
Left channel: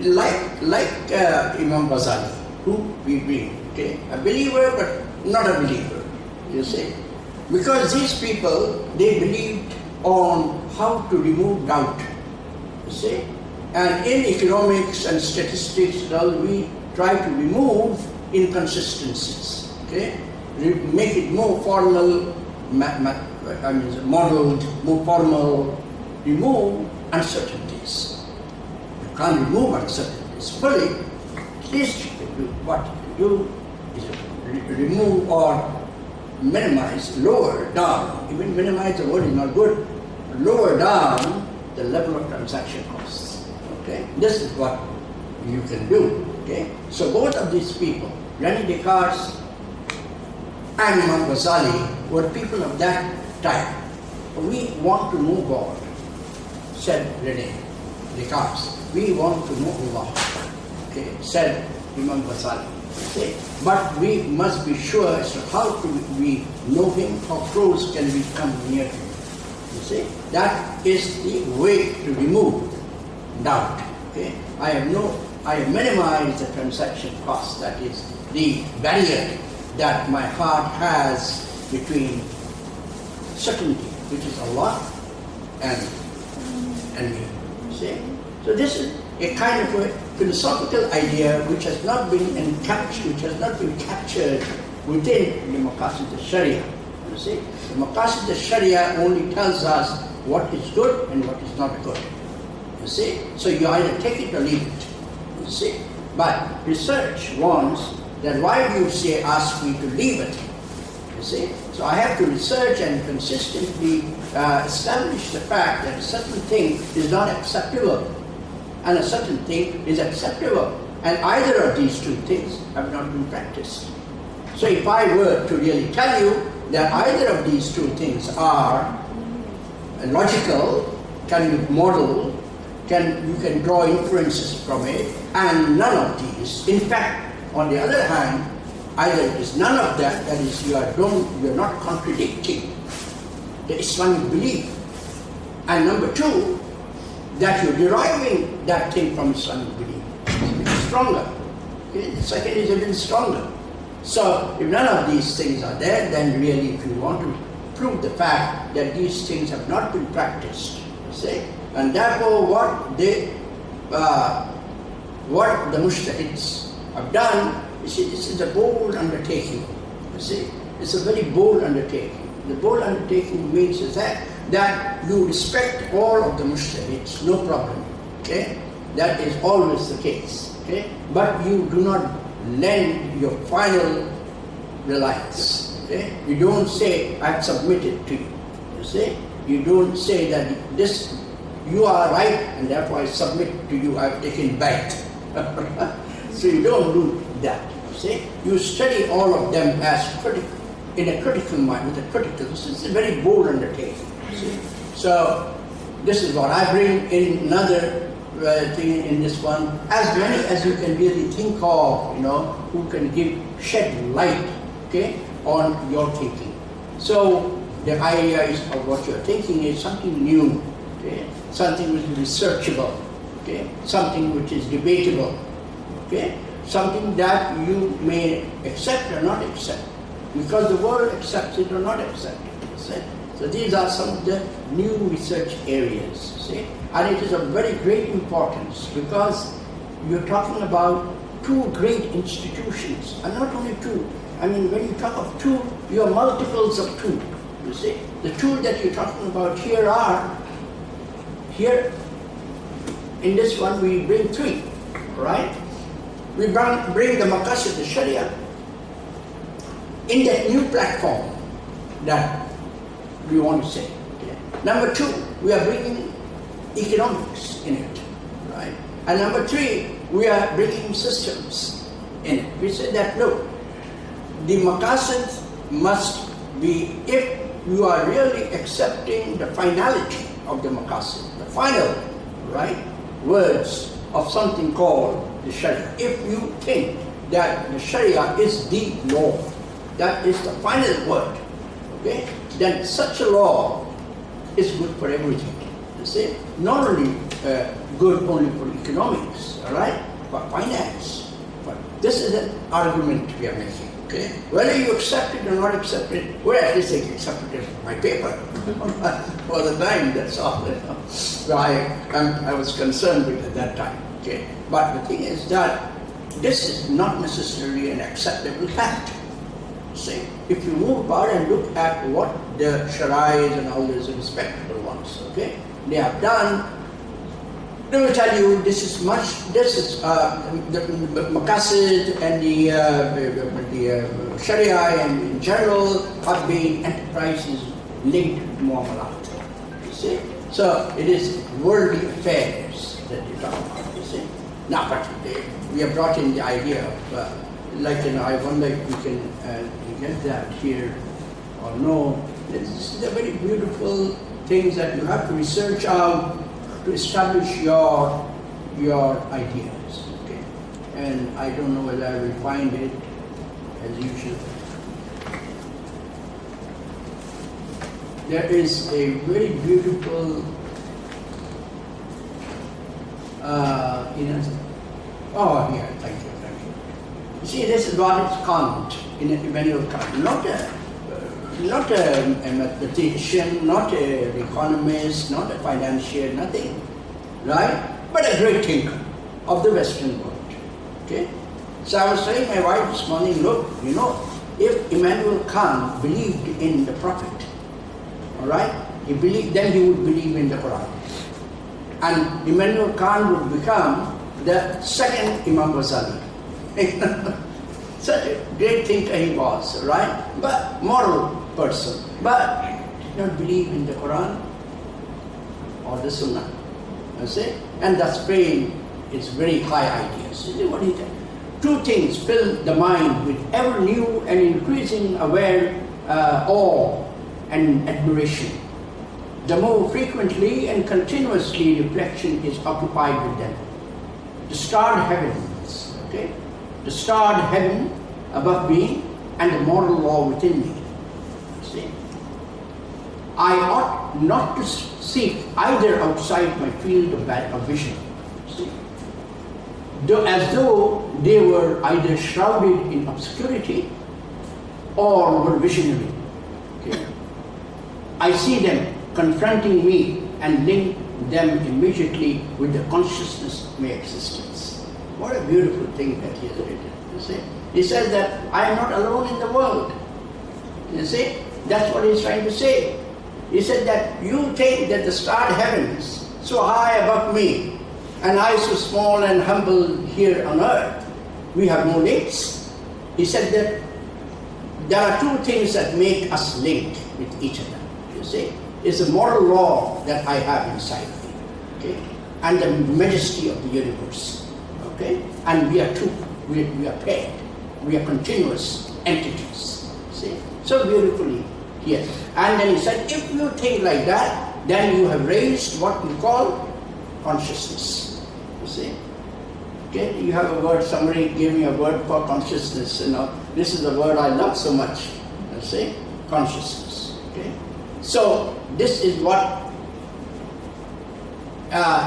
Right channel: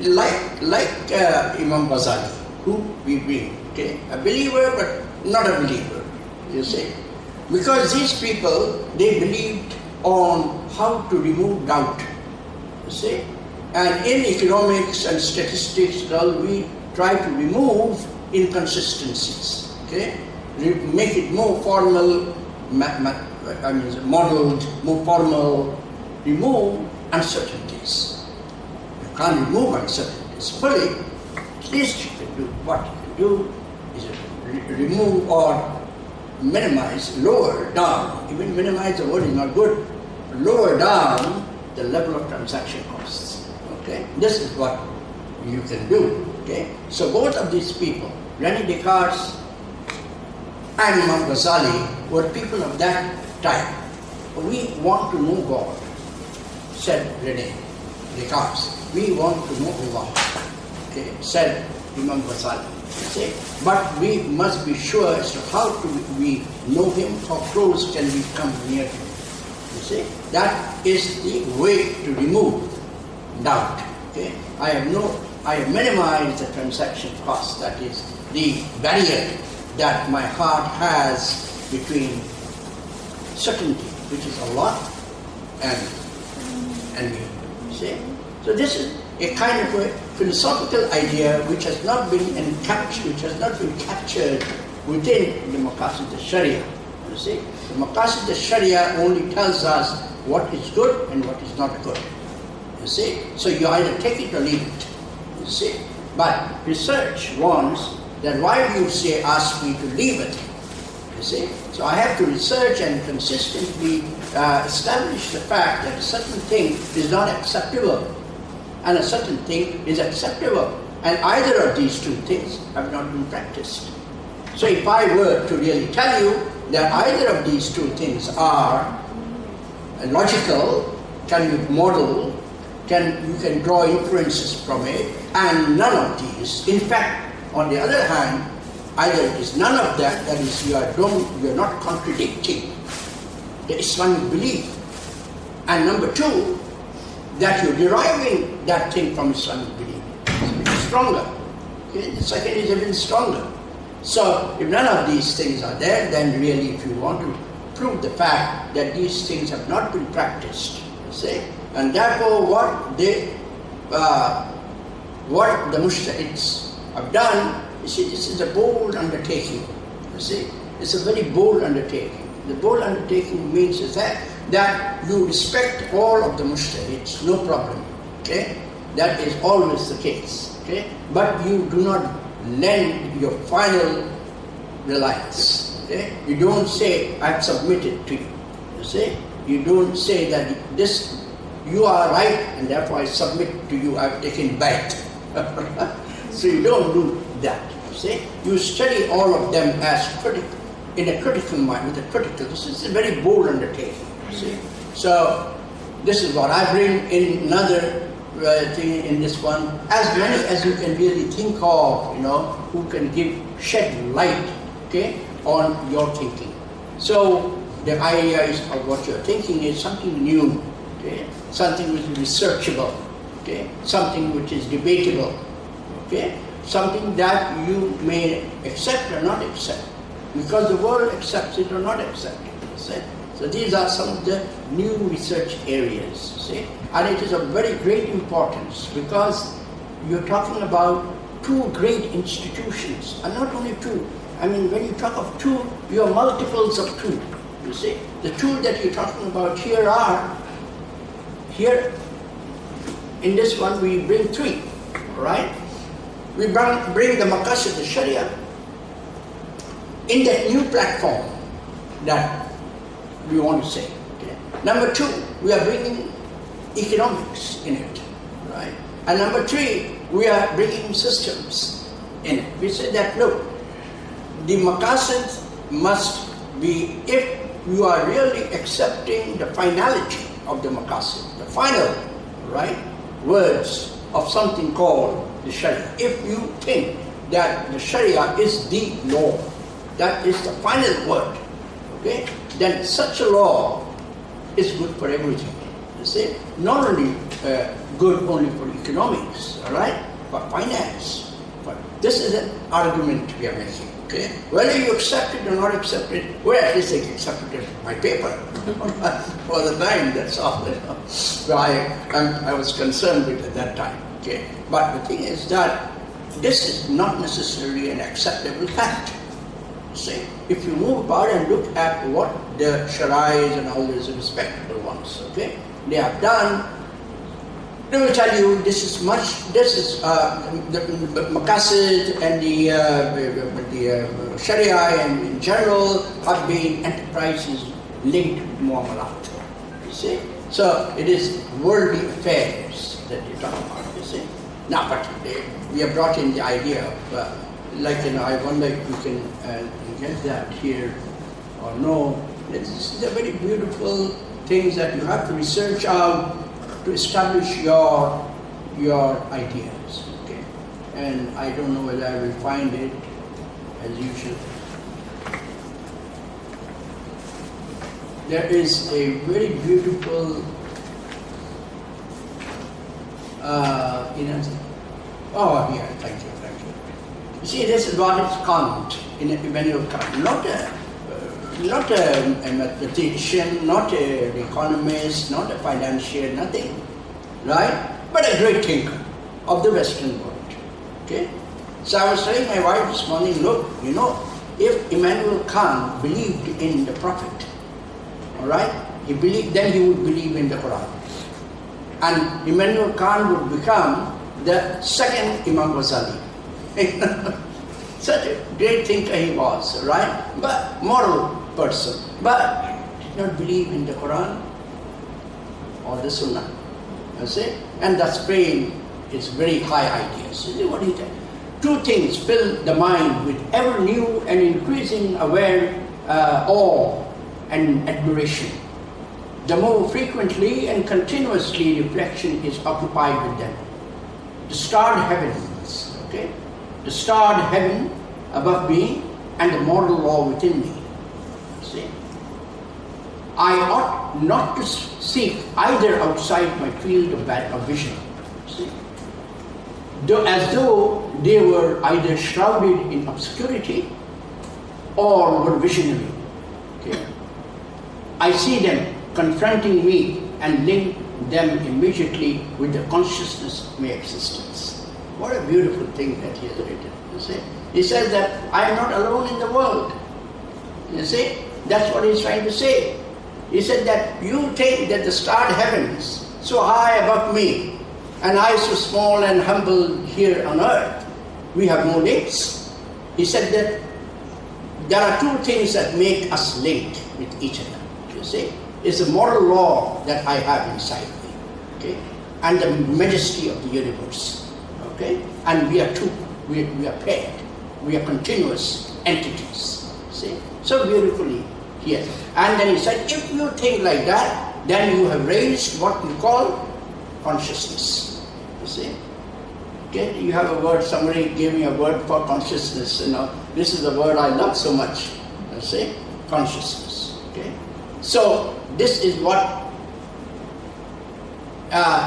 Like Imam Ghazali, who we bring, okay, a believer but not a believer, you see. Because these people, they believed on how to remove doubt, you see. And in economics and statistics, well, we try to remove inconsistencies, okay, make it more formal, modeled, more formal, remove uncertainties. You can't remove uncertainties fully. At least you can do what you can do is remove or minimize, lower down. Even minimize, the word is not good. Lower down the level of transaction costs. Okay, this is what you can do. Okay, so both of these people, René Descartes and Imam Ghazali, were people of that type. We want to know God, said René Descartes. We want to know Allah, okay, said Imam Ghazali. Okay? But we must be sure as to how we know Him, how close can we come near Him. You see, that is the way to remove doubt. Okay? Okay? I have minimized the transaction cost, that is the barrier that my heart has between certainty, which is Allah, and me. See? So this is a kind of a philosophical idea which has not been captured within the Maqasid al-Sharia. You see? The Maqasid al-Sharia only tells us what is good and what is not good. You see? So you either take it or leave it. You see? But research wants that why do you ask me to leave it? You see? So I have to research and consistently establish the fact that a certain thing is not acceptable and a certain thing is acceptable. And either of these two things have not been practiced. So if I were to really tell you that either of these two things are logical, can be model, you can draw inferences from it, and none of these, in fact, on the other hand, either it is none of that, that is you are not contradicting the Islamic belief, and number two, that you're deriving that thing from Islamic belief. It's stronger. Okay? The second is even stronger. So if none of these things are there, then really if you want to prove the fact that these things have not been practiced, you see, and therefore what the mujtahids have done, you see, this is a bold undertaking. You see, it's a very bold undertaking. The bold undertaking means is that you respect all of the mujtahids, no problem. Okay, that is always the case. Okay, but you do not lend your final reliance. Okay, you don't say I've submitted to you. You see, you don't say that this you are right and therefore I submit to you. I've taken back. So you don't do that. You see, you study all of them as critical, in a critical mind, with a critical. This is a very bold undertaking. You see, so this is what I bring in another thing in this one. As many as you can really think of, who can shed light, okay, on your thinking. So the idea is of what you're thinking is something new, okay, something which is researchable, okay, something which is debatable, okay, something that you may accept or not accept, because the world accepts it or not accept it. See? So these are some of the new research areas, see, and it is of very great importance because you're talking about two great institutions, and not only two. I mean, when you talk of two, you are multiples of two. You see, the two that you're talking about here in this one we bring three, right? We bring the Maqasid al-Sharia in that new platform that we want to say. Okay. Number two, we are bringing economics in it, right? And number three, we are bringing systems in it. We say that, look, the Maqasid must be, if you are really accepting the finality of the Maqasid, the final, right, words of something called the Sharia. If you think that the Sharia is the law, that is the final word, okay, then such a law is good for everything. You see, not only good only for economics, all right, but finance. But this is an argument we are making. Okay, whether you accept it or not accept it, well, at least I accepted it in my paper for the time. That's all. So I was concerned with it at that time. Okay, but the thing is that this is not necessarily an acceptable fact. See, if you move about and look at what the Sharais and all these respectable ones, okay, they have done, they will tell you this is the Maqasid and the Sharia and in general have been enterprises linked to Muamalat. You see? So it is worldly affairs that you talk about, you see. Now, but we have brought in the idea of, I wonder if we can get that here or no. These are very beautiful things that you have to research out to establish your ideas. Okay, and I don't know whether I will find it as usual. There is a very beautiful Oh, here, thank you. You see, this is what is Kant, in Immanuel Kant, not a mathematician, not an economist, not a financier, nothing, right? But a great thinker of the Western world. Okay? So I was telling my wife this morning, look, if Immanuel Kant believed in the Prophet, all right, then he would believe in the Quran. And Immanuel Kant would become the second Imam Ghazali. Such a great thinker he was, right? But moral person. But did not believe in the Quran or the Sunnah. You see? And thus praying is very high ideas. You see what he did? Two things fill the mind with ever new and increasing awe and admiration. The more frequently and continuously reflection is occupied with them. The starred heavens, okay? The starred heaven above me and the moral law within me. See? I ought not to seek either outside my field of vision. See? As though they were either shrouded in obscurity or were visionary. Okay? I see them confronting me and link them immediately with the consciousness of my existence. What a beautiful thing that he has written, you see. He says that I am not alone in the world. You see, that's what he's trying to say. He said that you think that the starred heavens so high above me and I so small and humble here on earth, we have no links. He said that there are two things that make us linked with each other, you see. It's the moral law that I have inside me, okay, and the majesty of the universe, okay, and we are two, we are paired, we are continuous entities, see, so beautifully here. And then he said, if you think like that, then you have raised what we call consciousness, you see. Okay, you have a word, somebody gave me a word for consciousness, this is a word I love so much, you see, consciousness, okay. So, this is what,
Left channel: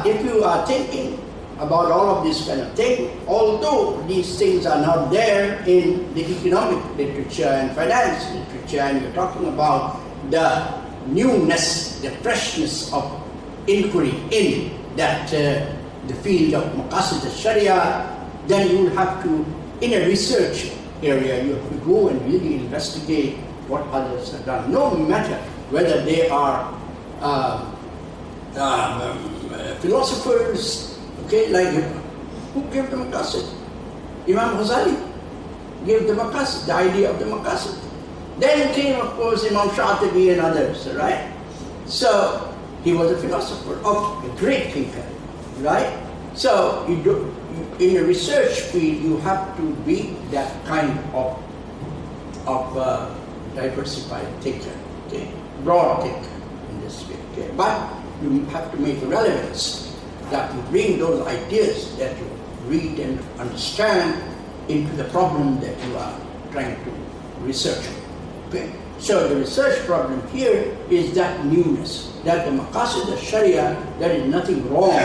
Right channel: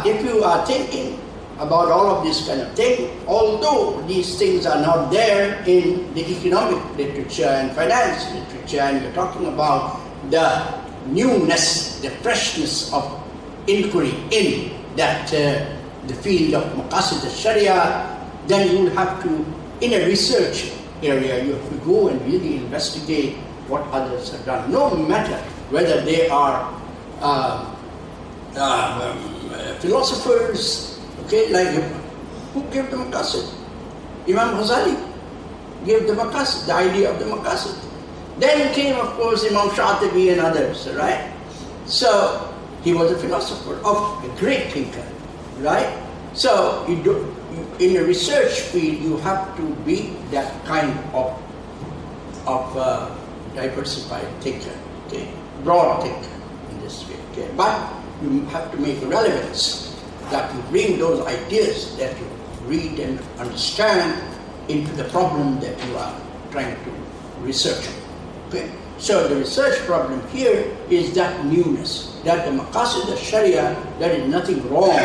if you are thinking about all of this kind of thing, although these things are not there in the economic literature and finance literature, and you're talking about the newness, the freshness of inquiry in that the field of Maqasid al-Sharia, then you will have to, in a research area, you have to go and really investigate what others have done, no matter whether they are philosophers, okay, like who gave the Maqasid? Imam Ghazali gave the Maqasid, the idea of the Maqasid. Then came, of course, Imam Shatibi and others, right? So he was a philosopher, a great thinker, right? So in a research field, you have to be that kind of diversified thinker, okay? Broad thinker in this way, okay? But you have to make relevance, that you bring those ideas that you read and understand into the problem that you are trying to research. Okay? So the research problem here is that newness, that the Maqasid al-Sharia, there is nothing wrong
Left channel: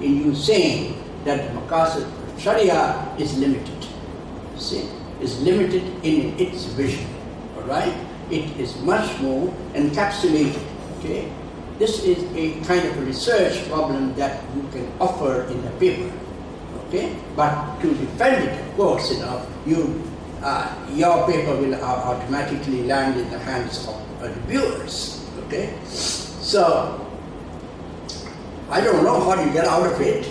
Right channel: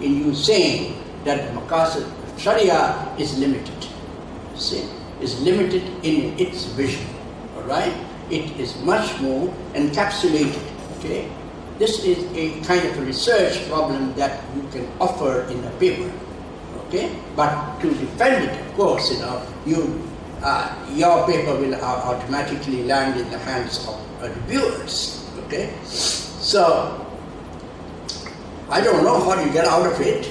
in you saying that the Maqasid al-Sharia is limited. See, is limited in its vision, all right? It is much more encapsulated, okay? This is a kind of a research problem that you can offer in a paper, okay? But to defend it, of course, your paper will automatically land in the hands of reviewers, okay? So, I don't know how you get out of it,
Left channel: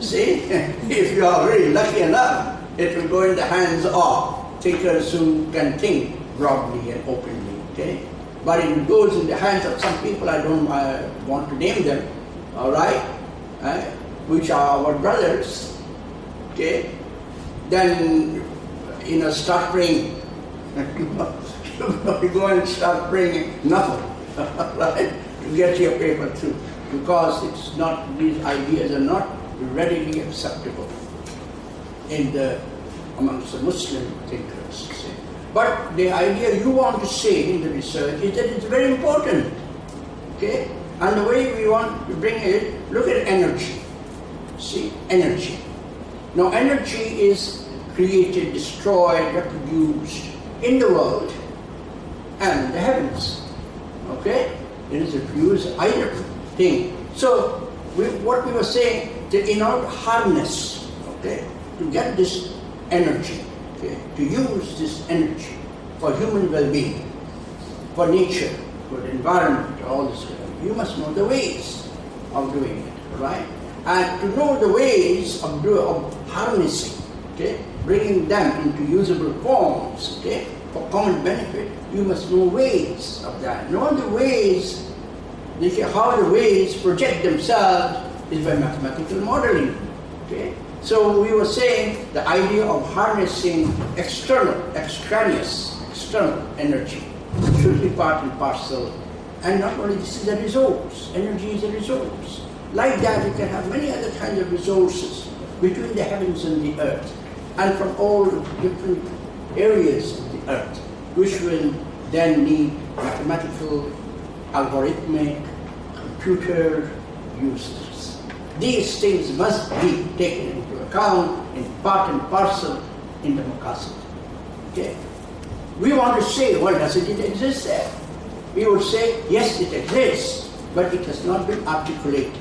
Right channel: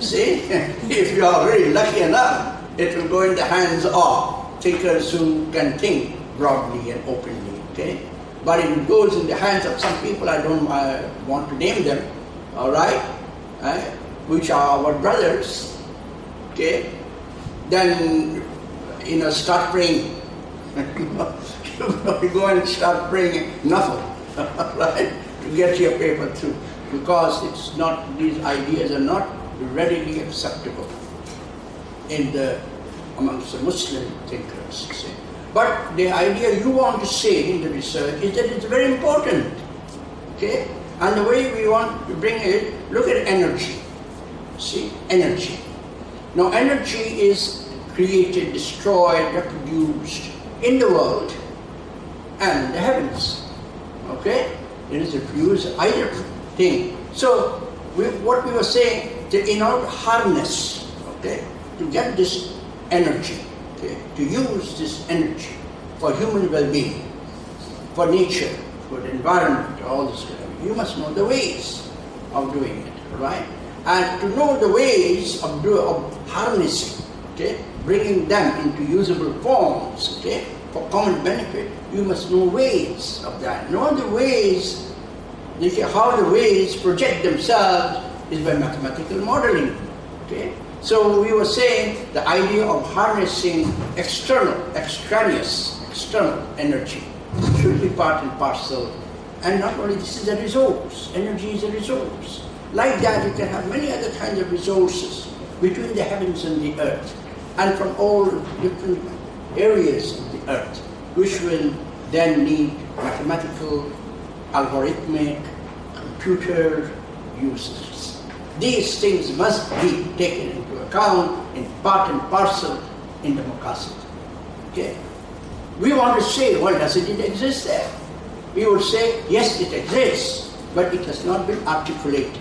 see? If you are very lucky enough, it will go in the hands of thinkers who can think broadly and openly, okay? But if it goes in the hands of some people, I don't want to name them, all right, which are our brothers, okay, then, start praying. You go and start praying nothing, right, to get your paper through, because it's not, these ideas are not readily acceptable amongst the Muslim thinkers, see. But the idea you want to say in the research is that it's very important, okay? And the way we want to bring it, look at energy. See, energy. Now energy is created, destroyed, reproduced in the world and in the heavens. Okay? It is refused either thing. So what we were saying, in order to harness, okay, to get this energy, okay, to use this energy for human well-being, for nature, for the environment, all this, you must know the ways of doing it, right? And to know the ways of harnessing, okay, bringing them into usable forms, okay, for common benefit, you must know ways of that. Know the ways, how the ways project themselves is by mathematical modeling, okay. So we were saying the idea of harnessing extraneous energy should be part and parcel. And not only this is a resource, energy is a resource. Like that, you can have many other kinds of resources between the heavens and the earth, and from all different areas of the earth, which will then need mathematical, algorithmic, computer uses. These things must be taken into account in part and parcel in the Makassid. Okay? We want to say, well, doesn't it exist there? We would say, yes, it exists, but it has not been articulated.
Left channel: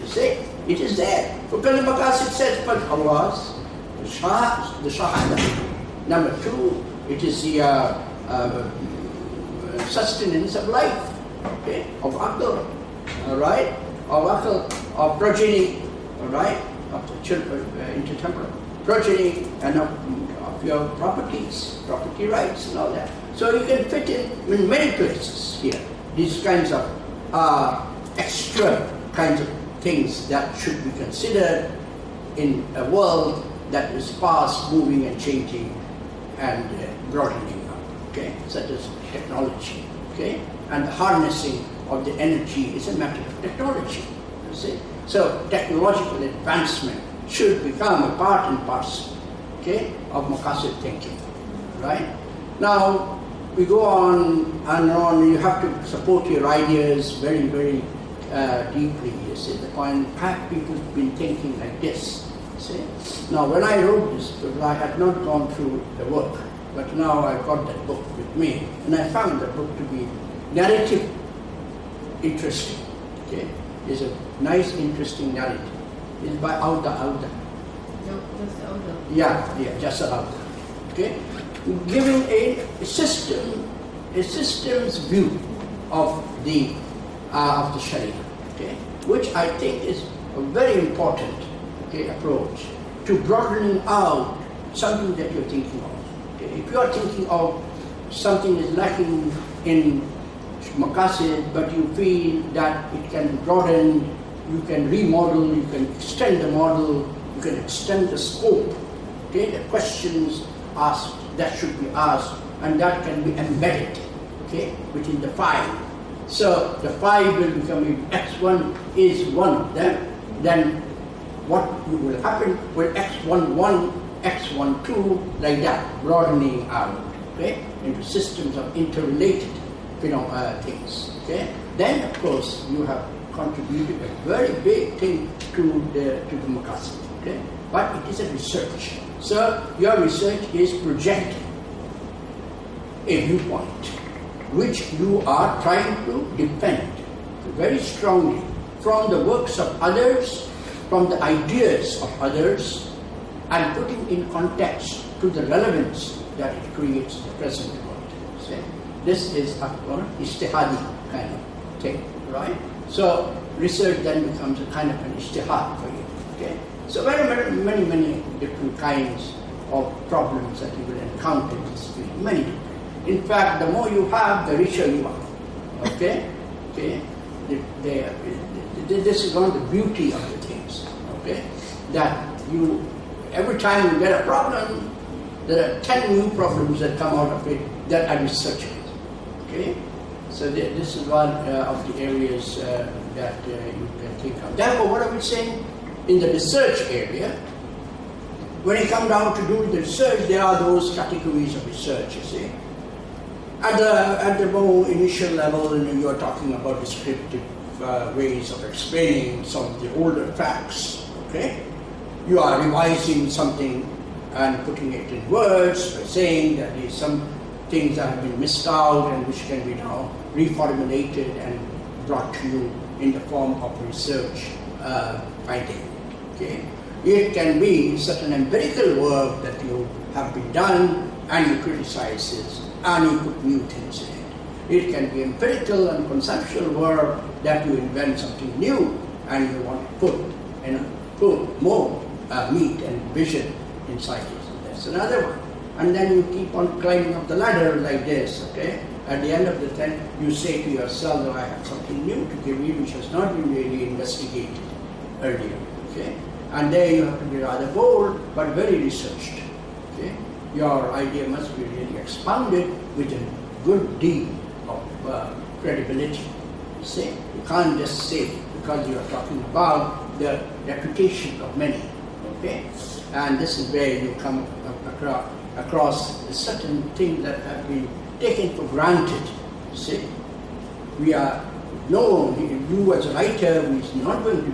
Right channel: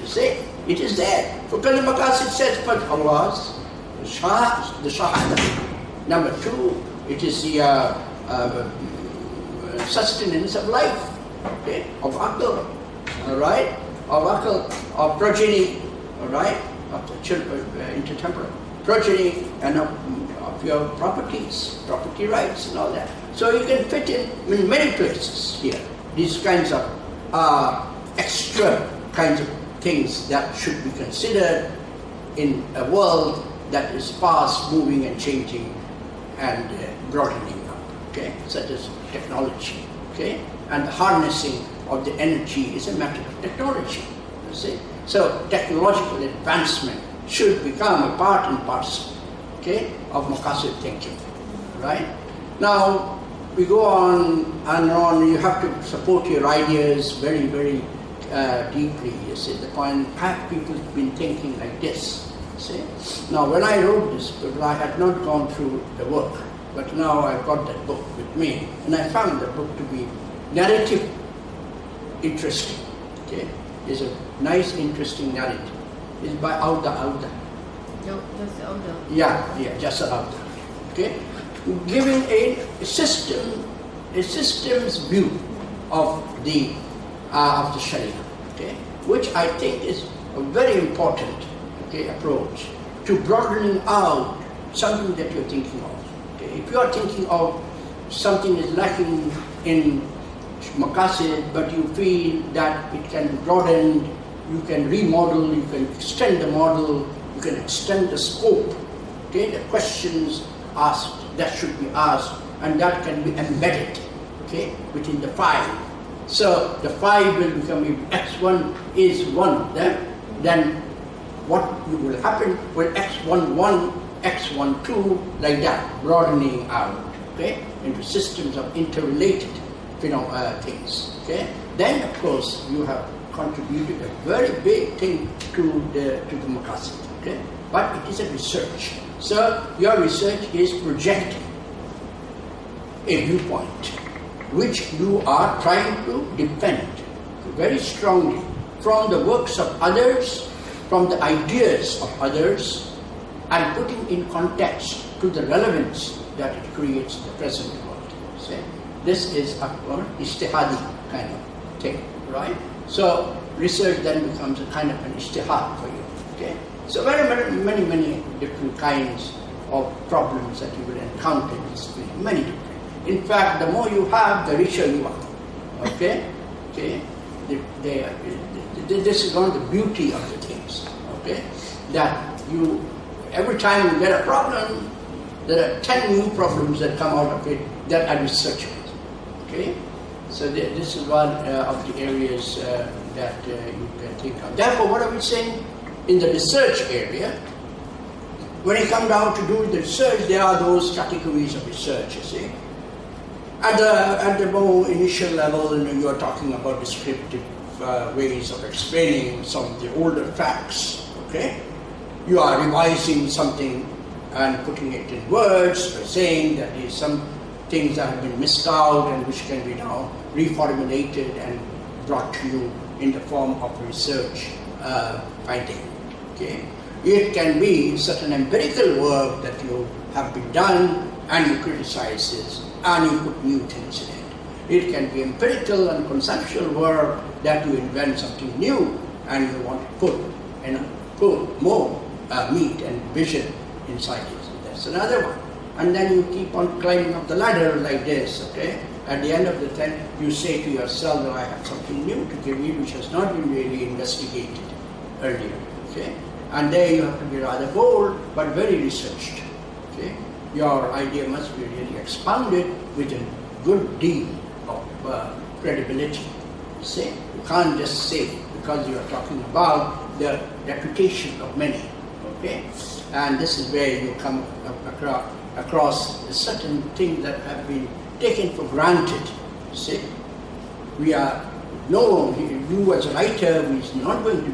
You say, it is there. For the Makassid says, but Allah's, the Shahada. Number two, it is the sustenance of life, okay, of Aql, all right, of Aql, of progeny, all right, of the children, intertemporal progeny, and of your properties, property rights and all that. So you can fit in many places here, these kinds of extra kinds of things that should be considered in a world that is fast moving and changing and broadening up, okay, such as technology, okay, and the harnessing of the energy is a matter of technology, you see. So technological advancement should become a part and parcel, okay, of Makassid thinking, right? Now we go on and on. You have to support your ideas very, very deeply. You see, the point. Have people been thinking like this? See? Now, when I wrote this, because I had not gone through the work, but now I got that book with me, and I found the book to be narrative interesting. Okay, it's a nice, interesting narrative. It's by Auda. No, just Auda. Yeah, just Auda. Okay, giving a system's view of the Sharia. Okay, which I think is a very important, okay, approach to broadening out something that you're thinking of. Okay, if you are thinking of something is lacking in Makassid, but you feel that it can be broadened, you can remodel, you can extend the model, you can extend the scope. Okay, the questions asked that should be asked, and that can be embedded, okay, within the five. So the five will become, if X1 is one of them, then what will happen will X11, X12, like that, broadening out, okay, into systems of interrelated things, okay. Then of course you have contributed a very big thing to the Makassid, okay. But it is a research. So your research is projecting a viewpoint which you are trying to defend very strongly from the works of others, from the ideas of others, and putting in context to the relevance that it creates in the present world. See? This is a ijtihadi kind of thing, right? So research then becomes a kind of an ijtihad for you, okay? So many different kinds of problems that you will encounter in this field, many different. In fact, the more you have, the richer you are, okay? Okay? This is one of the beauty of the things, okay? That you, every time you get a problem, there are 10 new problems that come out of it that are researched, okay? So this is one of the areas that you can think of. Therefore, what are we saying? In the research area, when you come down to do the research, there are those categories of research, you see. At the more initial level, you are talking about descriptive ways of explaining some of the older facts, Okay? You are revising something and putting it in words, by saying that there is some things that have been missed out and which can be now reformulated and brought to you in the form of research finding. Okay? It can be certain empirical work that you have been done and you criticize this and you put new things in it. It can be empirical and conceptual work that you invent something new and you want to put more meat and vision inside it. That's another one. And then you keep on climbing up the ladder like this, okay? At the end of the thing, you say to yourself, well, I have something new to give you which has not been really investigated earlier, okay? And there you have to be rather bold, but very researched, okay? Your idea must be really expounded with a good deal of credibility, you see? You can't just say, because you are talking about the reputation of many, okay? And this is where you come across certain things that have been taken for granted, you see? You as a writer, is not going to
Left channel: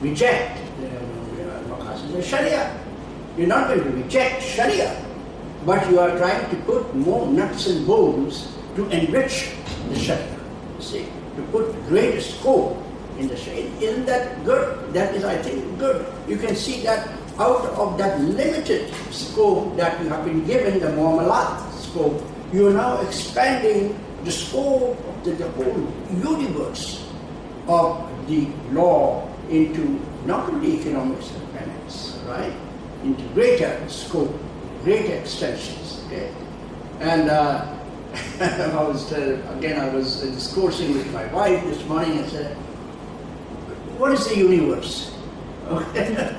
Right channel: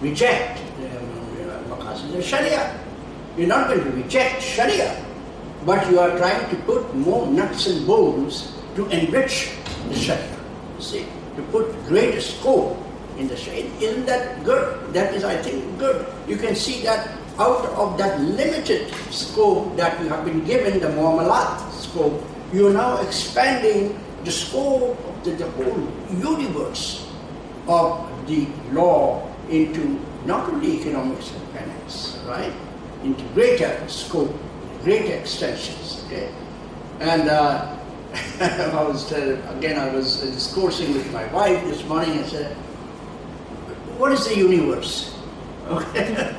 reject the Sharia. You're not going to reject Sharia, but you are trying to put more nuts and bolts to enrich the Sharia, you see? To put greater scope in the Sharia. Isn't that good? That is, I think, good. You can see that out of that limited scope that you have been given, the muamalat scope, you are now expanding the scope of the whole universe of the law into not only economics and finance, right? Into greater scope, greater extensions, okay? And I was discoursing with my wife this morning and said, what is the universe? Okay.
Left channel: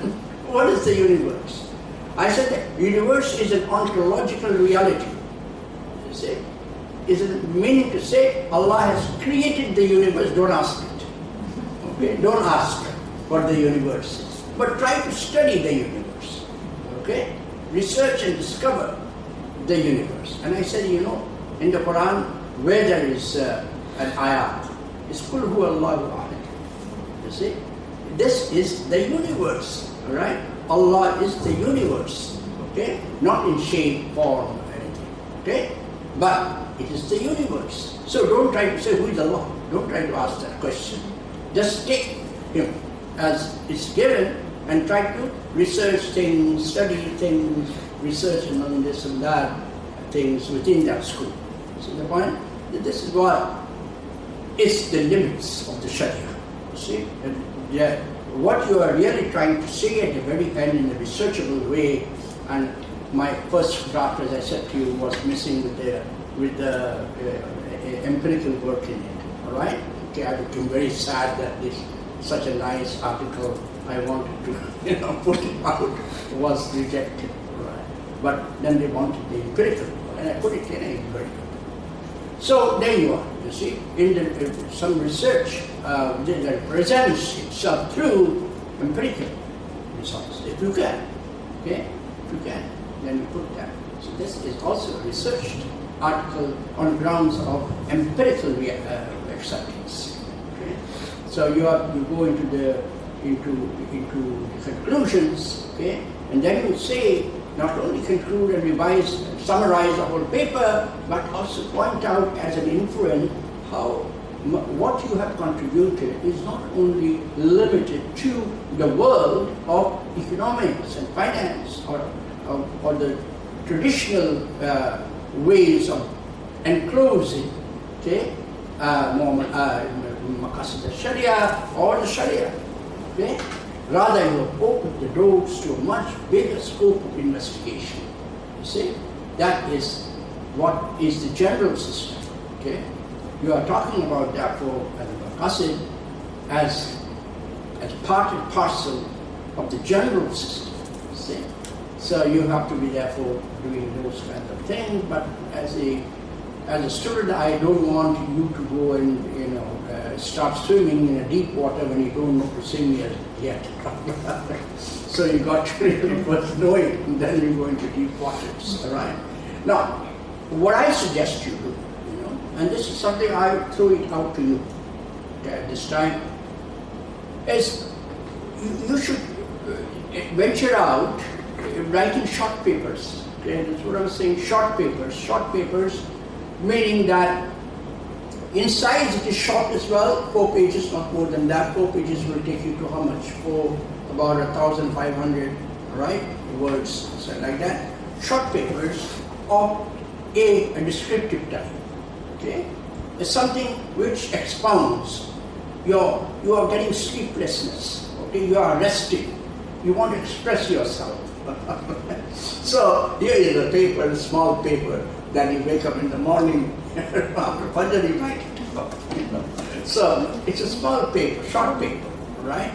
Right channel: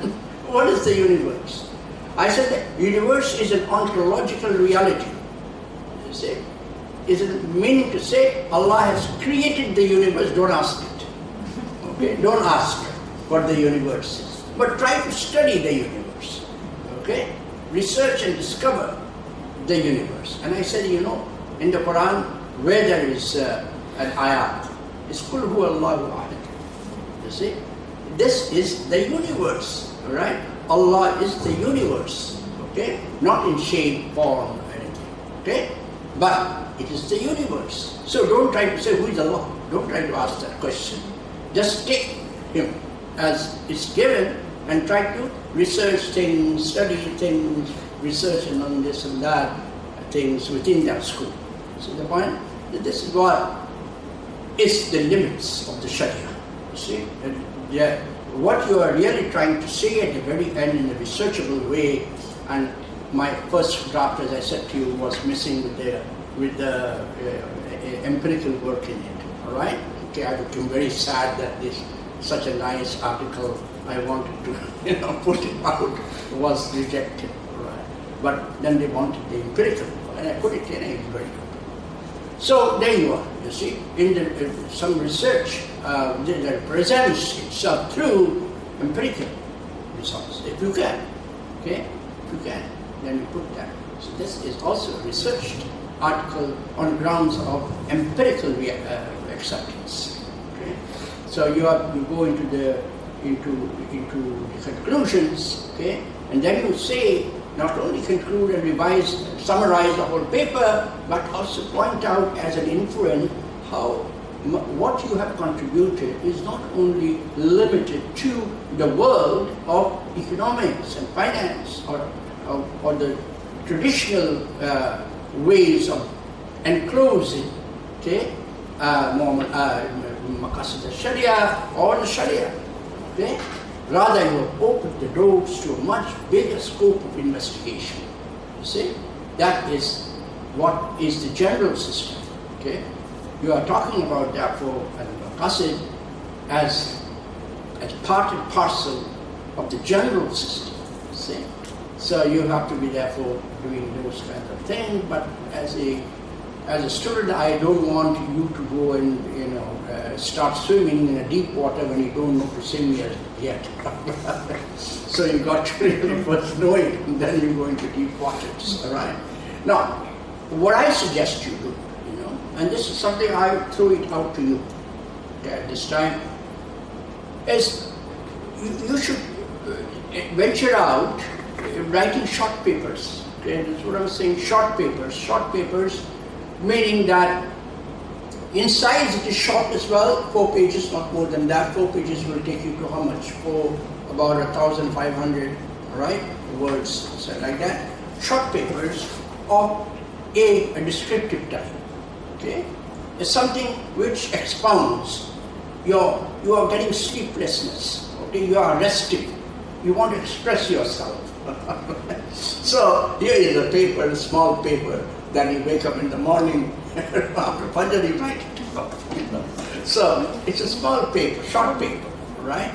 What is the universe? I said the universe is an ontological reality. You see? Is it meaning to say Allah has created the universe? Don't ask it. Okay? Don't ask what the universe is. But try to study the universe. Okay? Research and discover the universe. And I said, in the Quran, where there is an ayat, it's Qul huwa Allahu ahad. You see? This is the universe. All right? Allah is the universe, okay? Not in shape, form, or anything, okay? But it is the universe. So don't try to say, who is Allah? Don't try to ask that question. Just take Him as it's given and try to research things, study things, research on this and that, things within that scope. See the point? This is what is the limits of the Sharia. You see? What you are really trying to say at the very end in a researchable way, and my first draft, as I said to you, was missing with the empirical work in it. All right? Okay, I became very sad that such a nice article I wanted to put it out was rejected. All right? But then they wanted the empirical, and I put it in a very good. So there you are, you see, in some research that presents itself through empirical results, if you can, okay? If you can, then you put that. So this is also a researched article on grounds of empirical acceptance, okay? So you go into the conclusions, okay? And then you say, not only conclude and revise, summarize the whole paper, but also point out as an inference how what you have contributed is not only limited to the world of economics and finance or the traditional ways of enclosing, okay, maqasid al-Sharia or the Sharia, okay? Rather, you have opened the doors to a much bigger scope of investigation. You see? That is what is the general system. Okay? You are talking about, therefore, al-maqasid as part and parcel of the general system. You see? So you have to be, therefore, doing those kinds of things. But as a student, I don't want you to go and start swimming in a deep water when you don't know to swim yet. So you got to really first know it, and then you go into deep waters. All right. Now, what I suggest you do, and this is something I throw it out to you at this time, is you should venture out writing short papers. Okay, that's what I was saying, short papers. Short papers meaning that in size it is short as well, 4 pages, not more than that. 4 pages will take you to how much? For about 1,500, right, words, so like that. Short papers of a descriptive type. Okay, it's something which expounds. You are getting sleeplessness. Okay, you are resting. You want to express yourself. So here is a paper, a small paper, that you wake up in the morning after Fajr you write it. So it's a small paper, short paper, right?